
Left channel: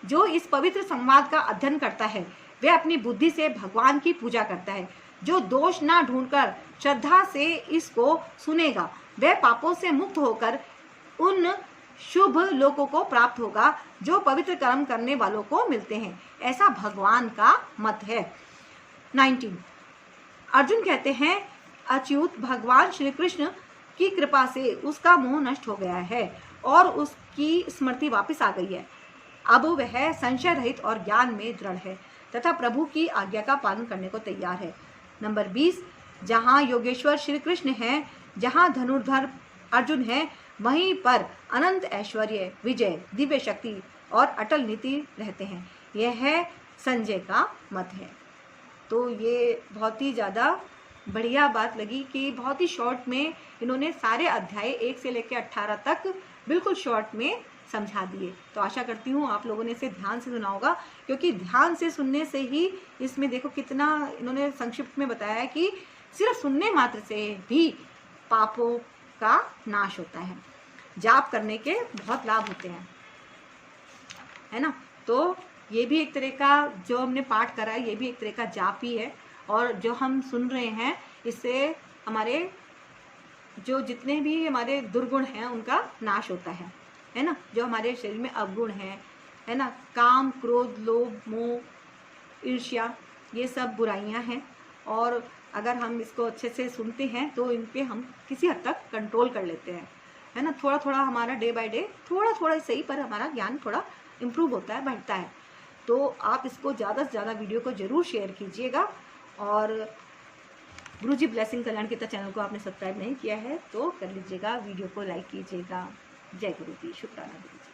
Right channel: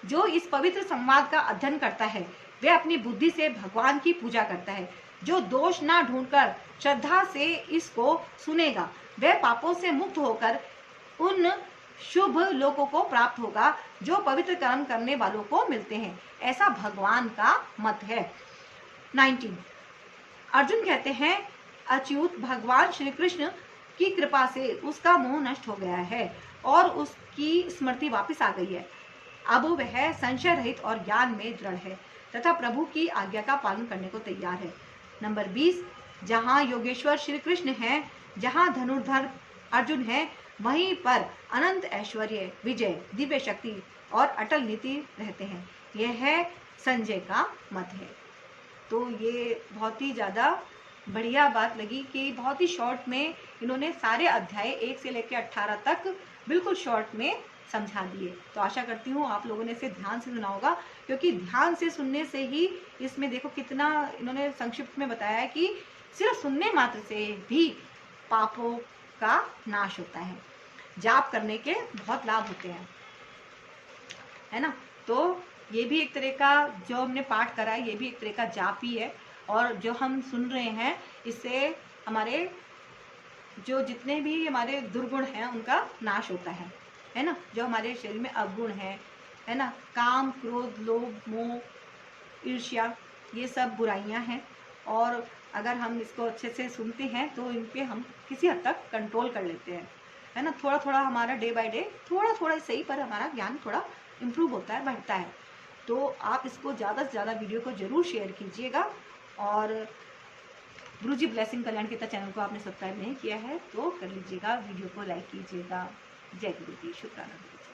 जो इस पवित्र संवाद का अध्ययन करता है वह अपनी बुद्धि से भगवान की पूजा करता है। जो दोष ना ढूंढकर श्रद्धा से इसको सुनेगा वह पापों से मुक्त होकर उन शुभ लोकों को प्राप्त होगा जो पवित्र कर्म करने वालों को मिलते हैं। ऐसा भगवान का मत है। 19, अर्जुन कहते हैं अच्युत भगवान श्री कृष्ण की कृपा से उसका मोह नष्ट हो गया है और उसकी स्मृति वापस आ गई है। अब वह संशय रहित और ज्ञान में दृढ़ है तथा प्रभु की आज्ञा का पालन करने को तैयार है। नंबर 20, जहाँ योगेश्वर श्री कृष्ण हैं, जहाँ धनुर्धर अर्जुन है, वहीं पर अनंत ऐश्वर्य, विजय, दिव्य शक्ति और अटल नीति रहते हैं। यह है संजय का मत है। तो ये बहुत ही ज़्यादा बढ़िया बात लगी कि बहुत ही शॉर्ट में इन्होंने सारे अध्याय 1 से लेकर 18 तक बिल्कुल शॉर्ट में समझा दिए। तो आशा करती हूँ आप लोगों ने इसे ध्यान से सुना होगा, क्योंकि ध्यान से सुनने से ही इसमें देखो कितना इन्होंने संक्षिप्त में बताया है कि सिर्फ सुनने मात्र से भी पापों का नाश होता है। जाप करने के बहुत लाभ होते हैं, है ना। तो ये भी एक तरह का जो हमने पाठ करा है ये भी एक तरह का जाप ही है। और जो हम सुन रहे हैं इससे हमारे जो जितने भी हमारे दुर्गुण हैं उनका नाश होता है ना। जो हमारे शरीर में अवगुण है ना, काम, क्रोध, लोभ, मोह, ईर्ष्या, ये सब बुराइयां हैं। और अगर हम इसको अच्छे से सुनते हैं तो इन पे हम किसी हद तक कंट्रोल कर लेते हैं, है ना। थोड़ा थोड़ा हमारा डे बाय डे थोड़ा थोड़ा सही पर हमारा ज्ञान थोड़ा इम्प्रूव होता है, बढ़ता है। तो आप इसको ज़्यादा से ज़्यादा वीडियो को ज़रूर शेयर कीजिएगा। और गुरुजी ब्लेसिंग कल्याण गीता चैनल को आपने सब्सक्राइब नहीं किया है तो कर लीजिएगा, वीडियो को लाइक कीजिएगा। जय गुरुजी, शुक्राना गुरुजी।